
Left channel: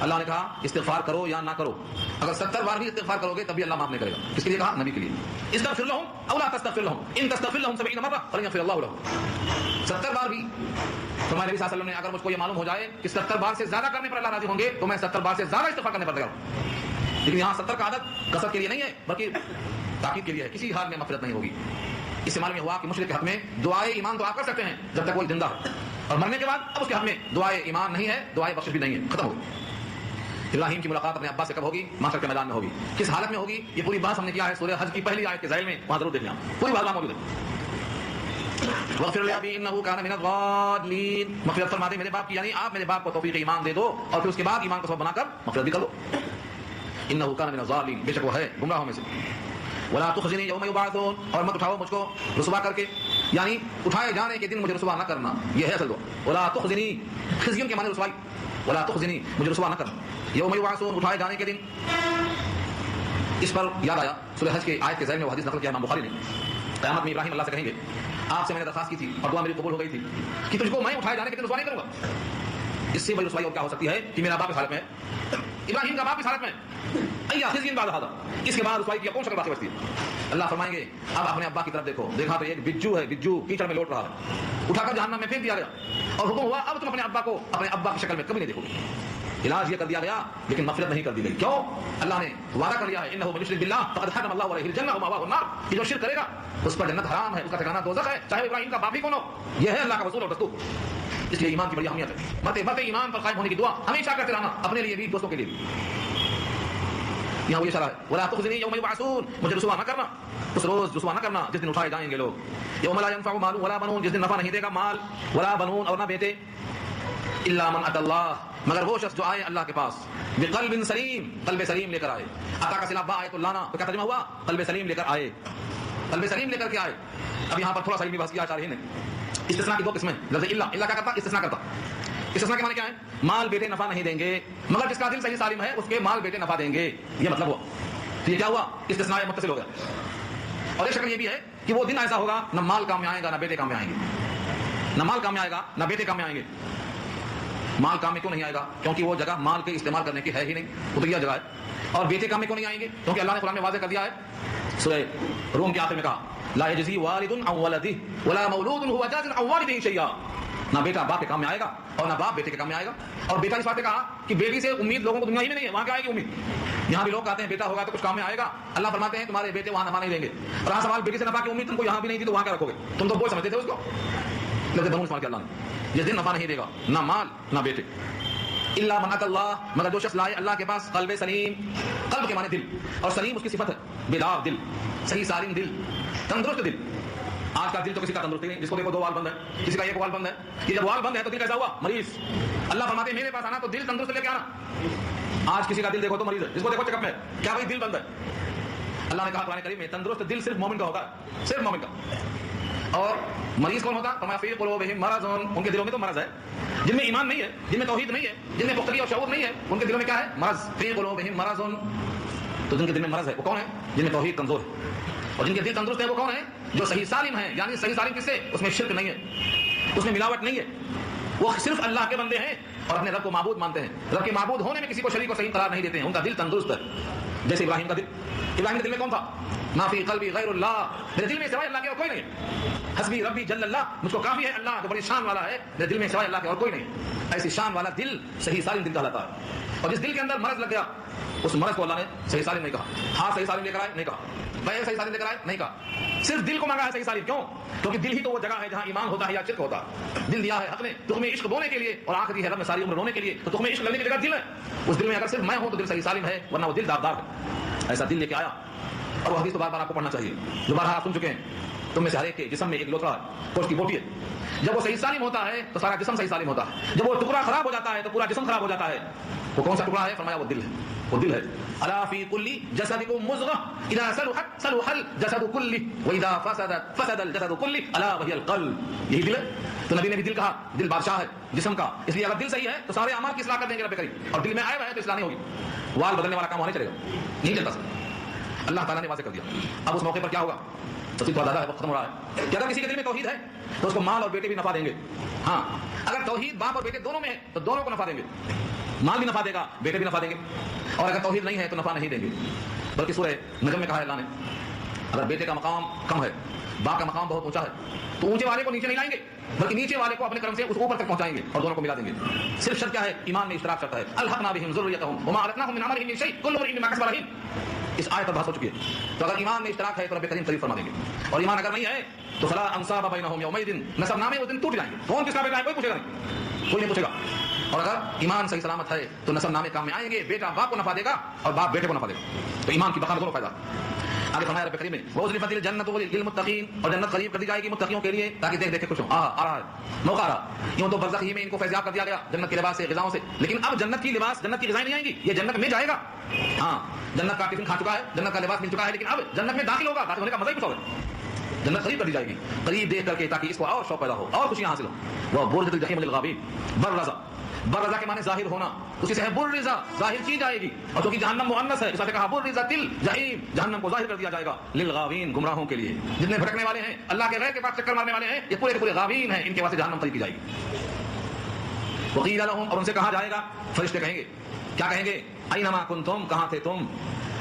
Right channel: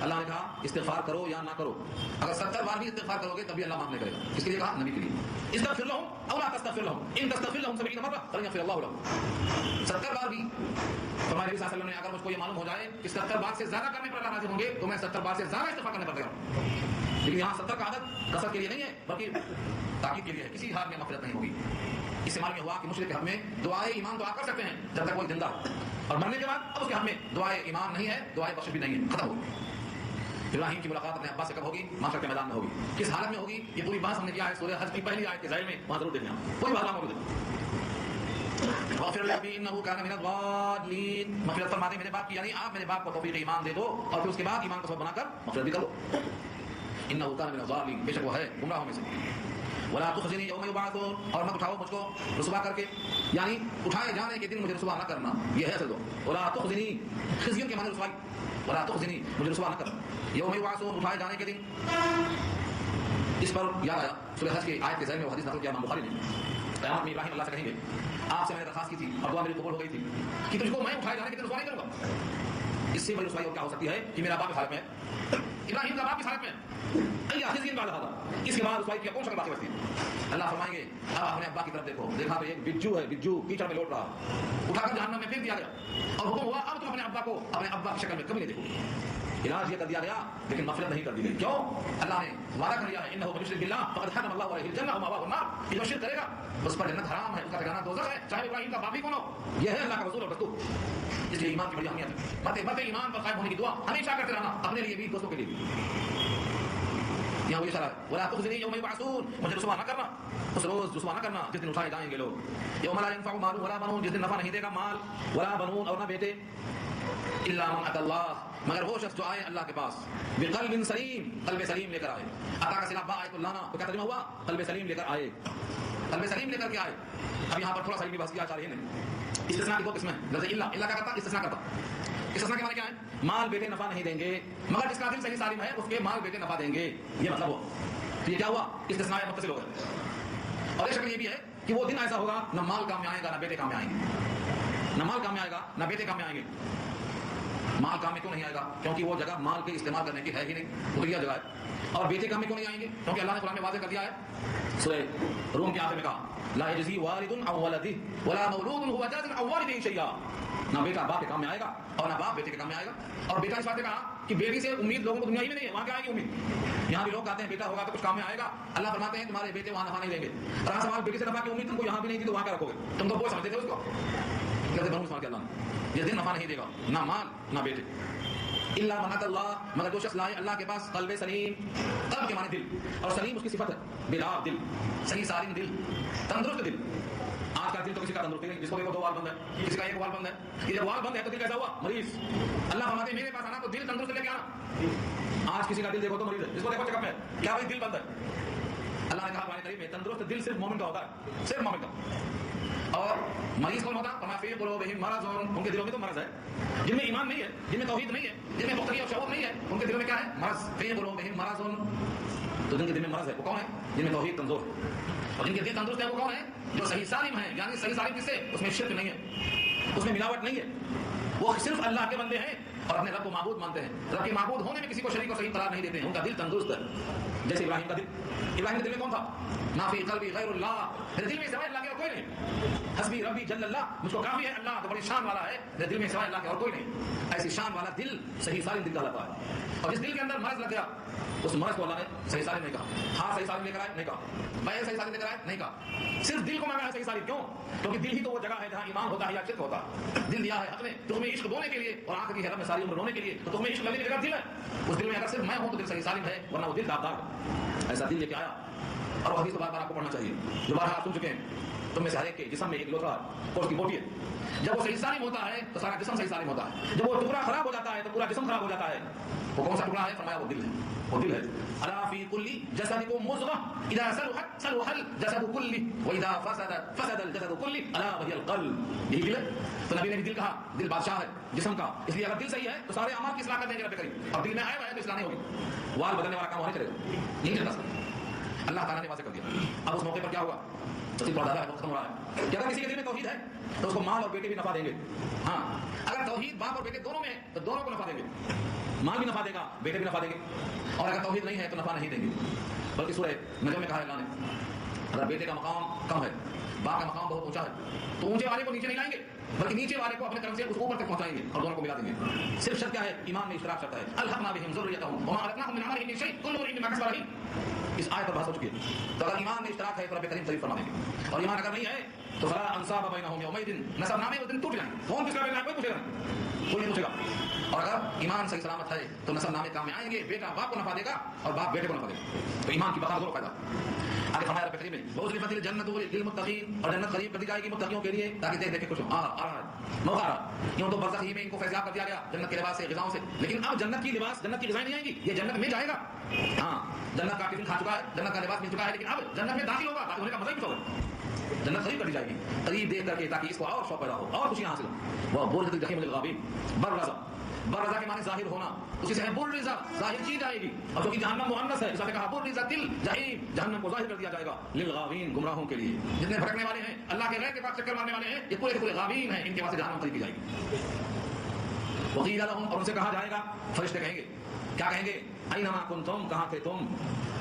اللہ نے کہا استغفار کرو یا نہ کرو، اگر 70 بار بھی استغفار کرو گے تب بھی اللہ معاف نہیں کرے گا۔ کس کے لیے کہا؟ نبی کے لیے۔ استغفر لهم او لا تستغفر لهم ان تستغفر لهم 70 مرة فلن يغفر الله لهم، 70 بار بھی۔ فرمایا نبی صلی اللہ علیہ وسلم نے اگر مجھ کو یہ معلوم ہو جائے کہ 70 بار سے زیادہ کرنے پر اللہ راضی ہوں گے تو میں 70 بار سے زیادہ استغفار کرنے پر تیار ہوں، لیکن یہاں 70 کا عدد کثرت کے لیے نہیں ہے بلکہ تاکید کے لیے ہے، کسی حال میں مغفرت نہیں ہوگی۔ اس سے معلوم ہوا کہ مشرک کے حق میں دعائے ایمان دعا کر سکتے ہیں جب تک وہ زندہ ہے، اور مرنے کے بعد اب اس کے حق میں دعائے ایمان نہیں ہے، دعائے بخشش بھی نہیں ہے، ختم ہو گئی۔ ابراہیم کی ملاقات اپنے ابا سے کب ہوگی؟ محشر کے میدان میں ہوگی. کس حالت میں ہوگی؟ یہ پوری بات ہم نے کیا ہے سورہ حج کی پہلی آیت کے ذیل میں، وہاں ضرور دیکھنا، پوری بات وہاں موجود ہے. وَاغْفِرْ لِأَبِي إِنَّهُ كَانَ مِنَ الضَّالِّينَ، مغفرت فرما دے میرے باپ کی، یعنی آپ میرے باپ کو توفیق ایمان دے دو اور پھر اس کے بعد ایمان کو سبب بنا کر مغفرت بھی کر دو. إِنَّهُ كَانَ مِنَ الظَّالِمِينَ، بے شک وہ ہے گمراہوں میں سے. وَلَا تُخْزِنِي يَوْمَ يُبْعَثُونَ، اور مت اٹھاؤ مجھ کو رسوا کر کے، یعنی اٹھائے جانے کے دن مجھے رسوا نہ کرنا، یہ ہے اصل دعا. وَلَا تُخْزِنِي، خزیوں کے معنی رسوائی، وَلَا تُخْزِنِي مجھے رسوا نہ کرنا. یوم یبعثون، اٹھائے جانے کے دن. اس پر یاد آیا سورہ حج کے آیت کے ذیل میں وہ حدیث نقل کیا امام بخاری نے. قیامت میں ابراہیم اللہ سے کہیں گے آپ سے میں نے درخواست کی تھی اور دعا میری قبول ہو گئی تھی کہ تجھ کو میں اٹھائے جانے کے دن رسوا نہیں کروں گا. اس سے بڑی رسوائی اور کیا ہو سکتی ہے کہ میرا باپ اس حالت میں ہے، ابراہیم کا باپ اس حالت میں ہے، ایا خزی بعد هذا، اس کے بعد رسوائی کی کون شکل باقی بچتی ہے؟ اللہ فرمائیں گے اب اپنے ابا کی طرف دیکھو، دیکھا تو ایک بجو ہے، بجو کیچڑ میں لوٹ رہا ہے، اٹھا کر جہنم میں پھینک دیا گیا اور حکم ہوا اب تم اپنے ابا کو اپنے ابا کی شکل میں کبھی نہیں دیکھو گے. علاج یہ کر دیا گیا لیکن مغفرت نہیں کر دی گئی. کیوں؟ اللہ نے وعدہ کر لیا ہے انه من يشرك بالله فقد حرم الله عليه الجنه ومأواه النار، کہ جو شرک کرے گا اس پر جنت حرام ہے، اس کا ٹھکانہ دوزخ ہے، چاہے ابراہیم کا باپ ہی کون ہو. یہ ہے اللہ کا اصول اور دستور. اس لیے ایمان کی بڑی اہمیت ہے. مرتے مرتے ایمان پر قائم ہونے کی دعا ہمیشہ کرتے رہنا، اپنے لیے بھی دوستوں کے لیے بھی. یہاں وہ اشارہ ہے ولا تخزنی یوم یبعثون، مجھے رسوا نہ کرنا اس روز، رسوا نہ کرنا جس دن اٹھائے جائیں گے لوگ. یوم لا ينفع مال ولا بنون، جس دن نفع نہیں دے گا مال ولا بنون اور نہ بیٹے، الا من اتى اللہ، مگر وہ شخص جو آئے اللہ کے پاس بقلب سلیم، قلب سلیم لے کر آئے. عطا کا صلہ با آیت اللہ نا، تو کیا ترجمہ ہوا؟ قلب سلیم لے کر آئے. قلب سلیم لے کر کے آئے. اب یہاں پر تھوڑا سا علمی بحث کیا شارحین نے. استثناء کی دو قسمیں، لفظ اللہ کیا کرتا؟ استثناء کرتا. استثناء کے معنی کیا ہے؟ مال بیٹے نفع نہیں دیں گے، مگر جس کا دل صحیح سالم ہے اس کے مال بیٹے نفع دیں گے، یہ مطلب ہوا. تو یہ کیا ہوا؟ استثناء متصل ہو گیا. اور ایک شکل یہ بھی ہے کہ وہ دن ایسا ہوگا نہ مال کام میں آئے گا نہ بیٹے کام میں آئیں گے، نہ مال کام میں آئے گا نہ بیٹے کام میں آئیں گے. مال کام میں کیوں نہیں آئے گا؟ کیونکہ وہ جگہ مال کے استعمال کرنے کی ہے ہی نہیں، اتریا جگہ ہے. اور بیٹے کام میں کیوں نہیں آئیں گے؟ کیونکہ اللہ نے قرآن میں واضح کر دیا ہے، سورہ روم کے آخر میں کہا لا یجزی والد عن ولدہ ولا مولود هو جاز عن والدہ شیئا، نہ بیٹا باپ کے کام میں آئے گا اور نہ باپ بیٹے کے کام میں آئے گا. اور بیٹا اس بات نے کہا کہ بیٹی سے امید لوگوں کو دنیا ہی میں نہیں ہے، وہاں کیا آئے گی امید؟ یہاں بھی لوگ کہتے ہیں بیٹا ہوگا تو کچھ کام میں آئے گا. اللہ فرماتے ہیں تمہارے بیٹے وہاں نفع نہیں دیں گے. اور ہاں سوال بیٹی سے نفع کی امید تم کو یہاں بھی نہیں تھی تو وہاں کیا رکھو گے؟ تم تو بوجھ سمجھتے تھے اس کو. لفظ بنون استعمال کیا اللہ نے، جس دن نفع نہیں دے گا نہ مال نہ بیٹے. الا من اتى اللہ، مگر جو شخص لائے اللہ کے پاس قلب سلیم، قلب کے معنی دل، اور سلیم اس کی صفت ہے، بیدار دل، صحیح سالم دل، تندرست دل. آج کا دل تو کسی کا تندرست نہیں، جس کو دیکھو دو وال بند ہے، کسی کا ایک وال بند ہے. یہ جب وال بند ہے تو دل کیسا ہوا؟ مریض. اللہ فرماتے ہیں میرے پاس آنا تو دل تندرست لے کے آنا. آج کسی کا دل دیکھو تو مریض ہے، جس کو دیکھو چیک اپ میں کیا بھائی دل بند ہے. اللہ نے کہا قرآن کریم میں تندرست دل صرف مومن کا ہوتا ہے، صرف مومن کا. اور مریض کون ہوتا؟ فما فی قلوبہم مرض، ان کے دلوں میں تو مرض ہے. جن میں ایمان نہیں ہے، جن میں توحید نہیں ہے، جن میں پختگی اور شعور نہیں ہے، ان کے دلوں میں کیا ہے؟ مرض. فی قلوبہم مرض، تو جن کے دل میں مرض ہے وہ کون ہے؟ جن میں توحید کمزور ہے. اور جن کے دل تندرست ہے وہ کون ہے؟ جو صحیح سالم ہے. یعنی صحیح سالم کس سے؟ اس میں شرک نہیں ہے، اس میں ملاوٹ نہیں ہے، وہ صرف اللہ کے بندے ہیں اور اپنے رب کو معبود مانتے ہیں. رب کے معبود ہونے میں کسی کو شریک و صحیح قرار نہیں دیتے ہیں. ان کا دل تندرست ہے. جیسے ابراہیم کا دل، ابراہیم کے دل میں کون تھا؟ ما فی قلبی غیر اللہ، میرے دل میں سوائے اللہ کے اور کوئی نہیں ہے. حسبی ربی جل اللہ، مجھ کو کافی ہے اللہ جو بڑی شان والا ہے، میرے دل میں سوائے اللہ کے اور کوئی نہیں ہے. ایسی شان والا دل صحیح سالم دل کہلاتا ہے. اور جس دل کے اندر مرض لگ گیا اس مرض کو اللہ نے صحیح سالم نہیں کہا. ہاں صحیح سالم لے کر آئے نہیں کہا، پیر صحیح سالم لے کر آئے نہیں کہا، صرف دل کو مانگا ہے صحیح سالم. کیوں؟ کیونکہ دل ہی تو وہ جگہ ہے جہاں ایمان ہوتا ہے یا شرک ہوتا ہے. دل دیا ہے حق نے تخم عشق بونے کے لیے اور آخری ہے رب میں ساری عمر رونے کے لیے. تو تخم عشق لگنے کی جگہ دل ہے. اس دل میں اگر صرف میں ہوں تو دل صحیح سالم ہے، ورنہ وہ دل داغدار ہے. ایسا دل لے کے آیا. اور وہ حدیث تو بار بار آپ کو پڑھنا چاہیے جو بارہا آپ سن چکے ہیں. تم میں سے ہر ایک کے جسم میں ایک لوتھڑا گوشت کی بوٹی ہے. جب وہ صحیح سالم ہوتا ہے تو سارا جسم صحیح سالم ہوتا ہے. جب وہ ٹکڑا خراب ہو جاتا ہے تو پورا جسم خراب ہو جاتا ہے. وہ کون سا ٹکڑا ہے؟ فرمایا وہ دل ہے. وہ دل ہے. الا فی کل جسدکم مضغہ اذا صلحت صلح الجسد کلہ واذا فسدت فسد الجسد کلہ الا وہی القلب. یہی دل ہے. تو نبی نے بھی دل کہا، دل بادشاہ ہے جسم کا. اس لیے اگر دل صحیح ہے تو سارے اعمال کی اصلاح کر دیں گے رب کریم. اور دل میں آئے ہوئے ہے تو اصلاح نہیں ہوگی. وال بدلنے والا کام وہاں نہیں چلے گا، نہیں چلتا سر. اللہ تعالیٰ نے واضح کر دیا. اب اس موقع پر کیا ہوگا؟ تفصیل تھوڑا زیادہ ہے، وقت ختم ہو رہا ہے. کہ اگر کسی کے دل میں توحید ہے تو اس کو مال اور بیٹے بھی نفع دیں گے. ہاں اگر توحید باپ اور بیٹے دونوں میں ہے تو دونوں کو نفع دیں گے. مال بھی نفع دے گا، بیٹے بھی نفع دیں گے. اور اگر توحید نہیں ہے تو نفع نہیں دیں گے. بلکہ سورہ نجم میں کہا ہے اللہ نے اگر بیٹے کا مقام کم ہے، باپ کا مقام بہت اونچا ہے، تو اونچے والے کو نیچے نہیں لائیں گے بلکہ نیچے والے کو اپنے کرم سے اس اوپر تک پہنچائیں گے اور دونوں کو ملا دیں گے. صرف شرط کیا ہے؟ ایمان میں اشتراک شرط ہے. الحقنا بہم ذریتہم وما التناہم من عملہم من شیء کل امرئ بما کسب رہین. اس آیت پر بحث ہو چکی ہے. تو اگر ایمان میں اشتراک ہے تو رب کریم تعریف فرما دیں گے. اور ایمان اگر نہیں ہے تو فلا انصاب بینہم یومئذ، نسب نامے اس دن ٹوٹ جائیں گے. کون کس کا بیٹا ہے کوئی پوچھے گا نہیں، کوئی نہیں پوچھے گا. اور اگر ایمان صحیح سلامت ہے تو نسل نامے کام میں آئیں گے، بیٹا باپ کو نفع دے گا اور باپ بیٹے کو نفع دے گا، تو ایمان کی بقا میں دونوں فائدہ۔ آگے فرمایا رب کریم نے وَأُزْلِفَتِ الْجَنَّةُ لِلْمُتَّقِينَ، اور جنت قریب کر دی جائے گی متقیوں کے لیے تاکہ دیکھ کے خوش ہوں۔ آ رہا ہے موقع آ رہا، یوں تو برزخ ہی میں ان کو فیضیاب کر دیا گیا جنت کے لباس سے، غذاؤں سے، لیکن اب جنت کی لباس، جنت کی غذائیں نہیں آئیں گی، یہ جنت میں جائے گا۔ ہاں جنت کا ٹفن کھا چکا ہے، جنت کا لباس مل چکا ہے، لیکن اب جنت میں داخل ہوگا، داخل ہونے کا مزہ ہی کچھ اور ہے۔ جنت قریب کر دی جائے گی، قریب دیکھ کر کے تاکہ اس کو اور شوق پیدا ہو اور خوشیاں حاصل ہو۔ وہ برزت الجحیم للغاوین، برزہ، برزہ کے معنی ظاہر ہونا، اسی سے ہے برزہ، ظاہر کی جائے گی، اور چونکہ جہنم مؤنث ہے اس نے کہا برزت الجحیم، جہنم کو ظاہر کر دیا جائے گا للغاوین، گمراہوں کے لیے، جتنے بھٹکنے والے ہیں، اللہ کے غیر کے پاس چکر مارنے والے ہیں، یہ پورے کے پورے غاوین ہیں، ان کے واسطے جہنم قریب کی جائے گی۔ وقیل لهم، اور ان سے کہا جائے گا، فرشتے کہیں گے، کیا کہیں گے؟ اینما کنتم، کہاں تھے تم،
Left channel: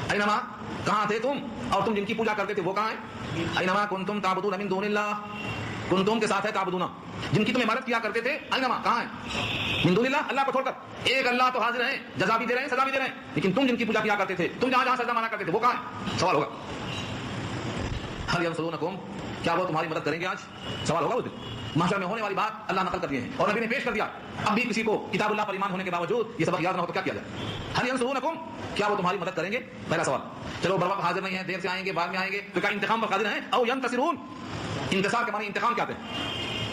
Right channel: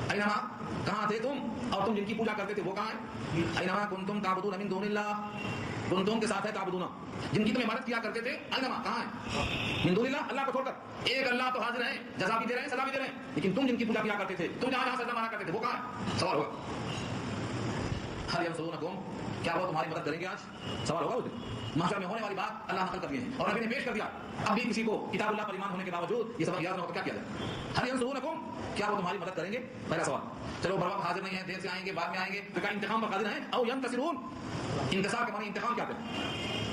اینما، کہاں تھے تم، اور تم جن کی پوجا کرتے تھے وہ کہاں ہیں؟ اینما کنتم تعبدون من دون اللہ، کنتم کے ساتھ ہے تعبدون، جن کی تم عبادت کیا کرتے تھے، اینما، کہاں ہیں؟ من دون اللہ، اللہ کو چھوڑ کر، ایک اللہ تو حاضر ہیں، جزا بھی دے رہے ہیں، سزا بھی دے رہے ہیں، لیکن تم جن کی پوجا کیا کرتے تھے، تم جہاں جہاں سجدہ مانا کرتے تھے وہ کہاں ہیں؟ سوال ہوگا۔ هل ينصرونكم، کیا وہ تمہاری مدد کریں گے؟ آج سوال ہوگا اس دن، محشر میں ہونے والی بات اللہ نقل کر دیے ہیں اور نبی نے پیش کر دیا۔ اب بھی کسی کو کتاب اللہ پر ایمان ہونے کے باوجود یہ سبق یاد نہ ہو تو کیا کیا جائے؟ هل ينصرونكم، کیا وہ تمہاری مدد کریں گے؟ پہلا سوال، چلو بر وقت حاضر نہیں ہیں، دیر سے آئیں گے، بعد میں آئیں گے، تو کیا انتقام پر قادر ہیں؟ او ينتصرون، انتصار کے معنی انتقام کیا ہیں؟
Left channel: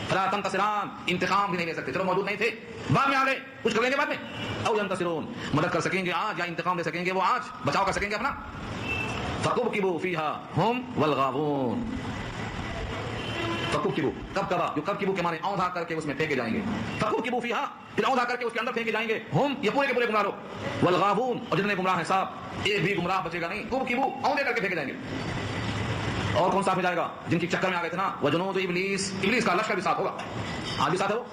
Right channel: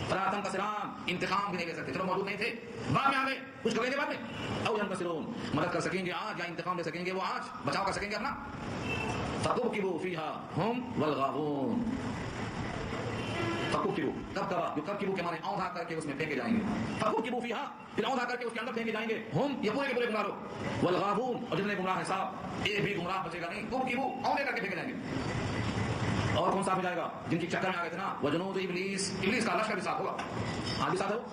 فلا تنتصران، انتقام بھی نہیں لے سکتے، چلو موجود نہیں تھے، بعد میں آ گئے، کچھ کر لیں گے بعد میں، او ينتصرون، مدد کر سکیں گے آج یا انتقام لے سکیں گے وہ آج، بچاؤ کر سکیں گے اپنا۔ فَكُبْكِبُوا فِيهَا هُمْ وَالْغَاوُونَ، فَكُبْكِبُوا، کب کبا، جو کب کبو کے معنی اوندھا کر کے اس میں پھینکے جائیں گے، فَكُبْكِبُوا فِيهَا، پھر اوندھا کر کے اس کے اندر پھینکے جائیں گے، ہم یہ پورے کے پورے گمراہ لوگ، والغاوون، اور جتنے گمراہ ہیں صاحب، ایک بھی گمراہ بچے گا نہیں، کبو اوندھے کر کے پھینکے جائیں گے۔ اور کون ساتھ میں جائے گا؟ جن کی چکر میں آ گئے تھے نا، وجنود ابلیس، ابلیس کا لشکر بھی ساتھ ہوگا، آج بھی ساتھ ہے وہ،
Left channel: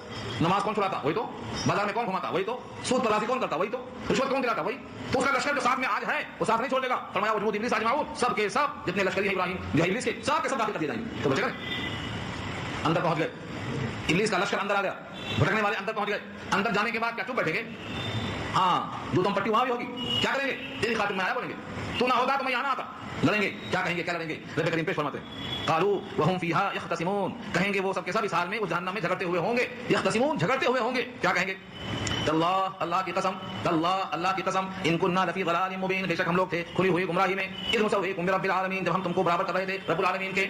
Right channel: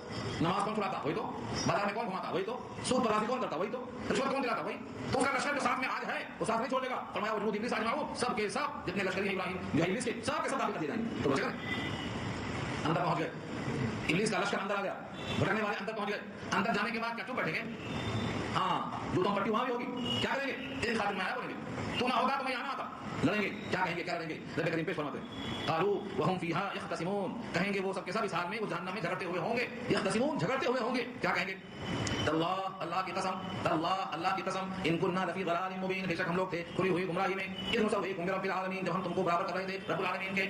نماز کون چھڑاتا وہی تو، بازار میں کون گھماتا وہی تو، سود پرازی کون کرتا وہی تو، رشوت کون دلاتا وہی تو، اس کا لشکر جو ساتھ میں آج ہے وہ ساتھ نہیں چھوڑے گا، فرمایا وجنود ابلیس اجمعون، سب کے سب جتنے لشکری ہیں ابراہیم جو ہے ابلیس کے، سب کے سب داخل کر دیے جائیں گے، تو بچے گا نہیں، اندر پہنچ گئے، ابلیس کا لشکر اندر آ گیا، بھٹکنے والے اندر پہنچ گئے، اندر جانے کے بعد کیا چپ بیٹھیں گے؟ ہاں جو تم پٹی وہاں بھی ہوگی، کیا کریں گے؟ تیری خاطر میں آیا بولیں گے، تو نہ ہوتا تو میں یہاں نہ آتا، لڑیں گے، کیا کہیں گے؟ کیا لڑیں گے؟ رب کریم پیش فرماتے ہیں قالوا وهم فيها يختصمون، کہیں گے وہ سب کے سب اس حال میں اس جہنم میں جھگڑتے ہوئے ہوں گے، یختصمون، جھگڑتے ہوئے ہوں گے، کیا کہیں گے؟ تاللہ، اللہ کی قسم، تاللہ، اللہ کی قسم، ان كنا لفی ضلال مبین، بے شک ہم لوگ تھے کھلی ہوئی گمراہی میں، اذ نسویکم برب العالمین، جب ہم تم کو برابر کر رہے تھے رب العالمین کے،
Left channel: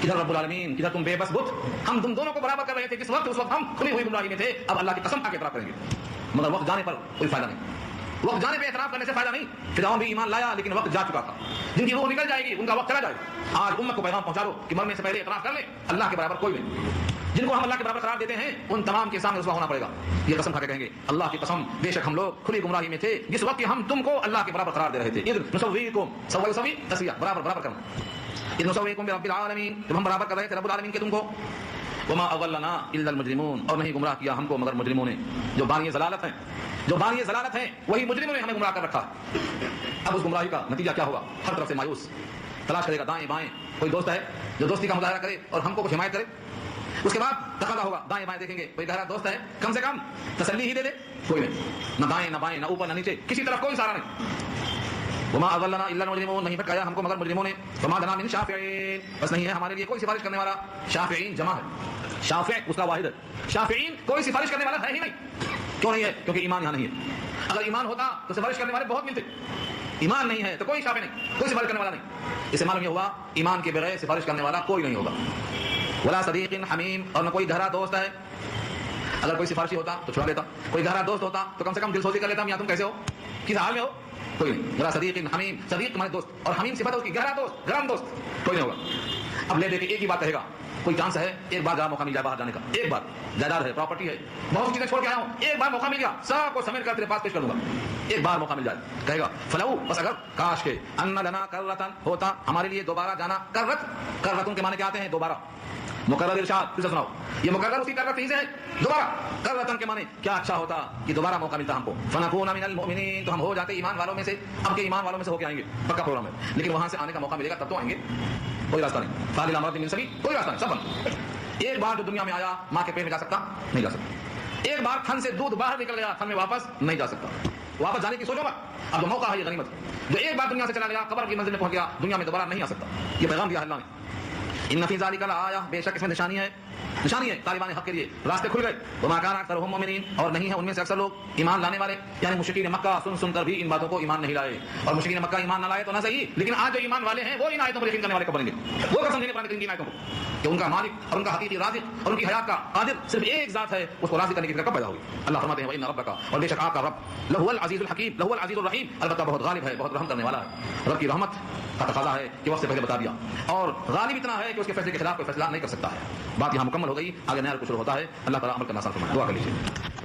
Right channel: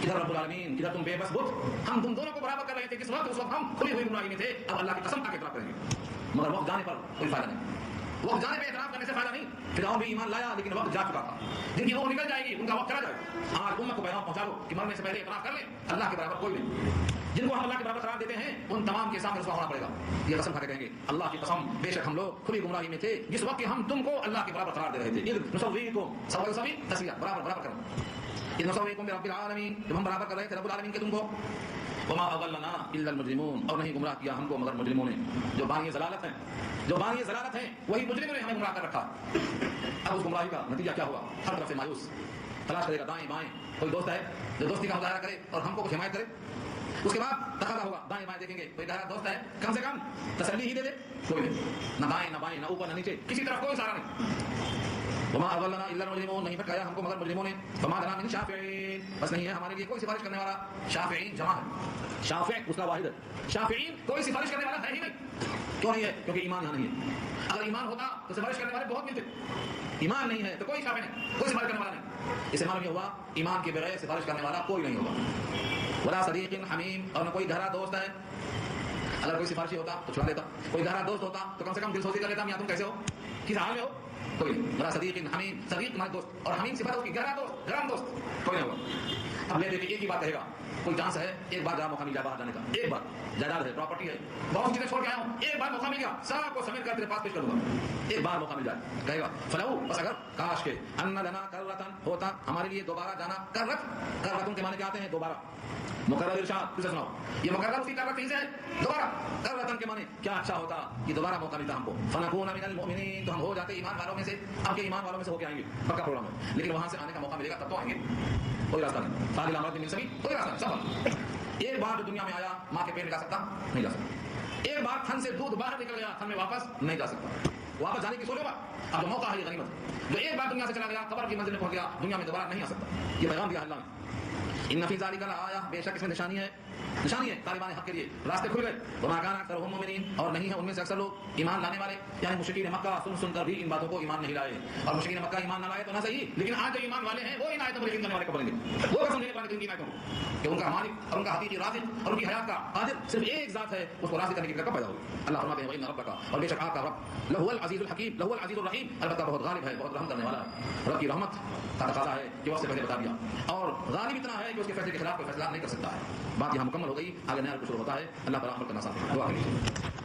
کدھر رب العالمین، کدھر تم بے بس بت، ہم تم دونوں کو برابر کر رہے تھے، کس وقت؟ اس وقت ہم کھلی ہوئی گمراہی میں تھے، اب اللہ کی قسم آگے اعتراف کریں گے، مگر وقت جانے پر کوئی فائدہ نہیں، وقت جانے پہ اعتراف کرنے سے فائدہ نہیں، فرعون بھی ایمان لایا لیکن وقت جا چکا تھا، جن کی روح نکل جائے گی ان کا وقت چلا جائے گا، آج امت کو پیغام پہنچا دو کہ مرنے سے پہلے اعتراف کر لیں اللہ کے برابر کوئی نہیں، جن کو ہم اللہ کے برابر قرار دیتے ہیں ان تمام کے سامنے رسوا ہونا پڑے گا، یہ قسم کھا کے کہیں گے اللہ کی قسم بے شک ہم لوگ کھلی گمراہی میں تھے جس وقت کہ ہم تم کو اللہ کے برابر قرار دے رہے تھے، اذ نسویکم، سوی سوی تسویہ، برابر برابر کرنا، اذ نسویکم برب العالمین، جب ہم برابر کر رہے تھے رب العالمین کے تم کو، وما اضلنا الا المجرمون، اور نہیں گمراہ کیا ہم کو مگر مجرموں نے، جو بانی ضلالت ہیں، جو بانی ضلالت ہیں وہی مجرموں نے ہمیں گمراہ کر رکھا ہے۔ اب اس گمراہی کا نتیجہ کیا ہوگا؟ ہر طرف سے مایوس، تلاش کرے گا دائیں بائیں، کوئی دوست ہے جو دوستی کا مظاہرہ کرے اور ہم کو کچھ حمایت کرے، اس کے بعد تقاضا ہوگا دائیں بائیں دیکھیں گے، کوئی گہرا دوست ہے کم سے کم تسلی ہی دے دے، کوئی نہیں، نہ دائیں نہ بائیں نہ اوپر نہ نیچے، کسی طرف کوئی سہارا نہیں، وما اضلنا الا المجرمون، نہیں بھٹکایا ہم کو مگر مجرموں نے، وما لنا من شافعین، بس نہیں ہے ہمارے لیے کوئی سفارش کرنے والا، شافعین جمع ہے، شافع اس کا واحد ہے، شافعین کوئی سفارش کرنے والا ہے ہی نہیں، کیوں نہیں ہے؟ کیونکہ ایمان یہاں نہیں ہے، اگر ایمان ہوتا تو سفارش کرنے والے بہت ملتے، ایمان نہیں ہے تو کوئی شافع نہیں، کوئی سفارش کرنے والا نہیں، اس سے معلوم یہ ہوا ایمان کے بغیر سفارش کرنے والا کوئی نہیں ہوگا، ولا صدیق حمیم، اور نہ کوئی گہرا دوست ہے، اگر کوئی سفارشی ہوتا تو چھڑا دیتا، کوئی گہرا دوست ہوتا تو کم سے کم دل سوزی کر لیتا یا تم کیسے ہو، کس حال میں ہو، کوئی نہیں، ولا صدیق حمیم، صدیق ہمارے دوست، اور حمیم صفت ہے اس کی گہرا دوست، گرم دوست، کوئی نہیں ہوگا۔ اب لے دے کے ایک ہی بات کہے گا، کوئی چانس ہے ایک بار جہاں موقع مل جائے باہر جانے کا، ایک بار، جائیداد ہے، پراپرٹی ہے، بہت سی چیزیں چھوڑ کے آیا ہوں، ایک بار موقع مل گیا سب کو سمیٹ کر تیرے پاس پیش کر دوں گا، ایک بار موقع مل جائے، کہے گا فلو، بس اگر کاش کے ان لنا کرتن، ہوتا ہمارے لیے دوبارہ جانا، کرتن کے معنی کیا آتے ہیں؟ دوبارہ، مقرر ارشاد، پھر سے سناؤ، یہ مقرر اسی کرت ہی سے ہے، دوبارہ، کرتن کے معنی کیا اچھا ہوتا کہ دوبارہ موقع ملتا ہم کو، فنکون من المؤمنین، تو ہم ہو جاتے ایمان والوں میں سے، اب کے ایمان والوں میں سے ہو کے آئیں گے، پکا پروگرام ہے، لیکن وہاں سے آنے کا موقع ملے گا تب تو آئیں گے، کوئی راستہ نہیں، فاضل امرات من سبیل، کوئی راستہ نہیں، سب بند، ایک بار جو دنیا میں آیا ماں کے پیٹ میں جا سکتا نہیں جا سکتا، ایک بار تھن سے دودھ باہر نکل گیا تھن میں واپس نہیں جا سکتا، واپس جانے کی سوچو مت، اب جو موقع ہے یہ غنیمت ہے، جو ایک بار دنیا سے چلا گیا قبر کی منزل میں پہنچ گیا، دنیا میں دوبارہ نہیں آ سکتا، یہ پیغام دیا ہے اللہ نے، ان فی ذلک لآیہ، بے شک اس میں نشانی ہے، نشانی ہے طالبان حق کے لیے، راستے کھل گئے. وما كان اكثرهم مؤمنين، اور نہیں ہے ان میں سے اکثر لوگ ایمان لانے والے. یعنی مشرکین مکہ سن کر بھی ان باتوں کو ایمان نہیں لائے. اور مشرکین مکہ ایمان نہ لائے تو نہ صحیح، لیکن آج جو ایمان والے ہیں وہ ان آیتوں پر یقین کرنے والے کب بنیں گے؟ وہ قسم دیں گے قرآن کریم کی آیتوں کو کہ ان کا مالک اور ان کا حقیقی رازق اور ان کی حیات کا قادر صرف ایک ذات ہے، اس کو راضی کرنے کی فکر کب پیدا ہوگی؟ اللہ فرماتے ہیں وَإِنَّ رَبَّكَ، اور بے شک آپ کا رب لَهُوَ الْعَزِيزُ الْحَكِيمُ لَهُوَ الْعَزِيزُ الرَّحِيمُ، البتہ بہت غالب ہے، بہت رحم کرنے والا ہے. رب کی رحمت کا تقاضا ہے کہ وقت سے پہلے بتا دیا، اور غالب اتنا ہے کہ اس کے فیصلے کے خلاف کوئی فیصلہ نہیں کر سکتا ہے. بات یہاں مکمل ہو گئی، آگے نیا رکوع شروع ہوتا ہے. اللہ تعالیٰ عمل کرنا آسان فرمائے. دعا کر لیجیے.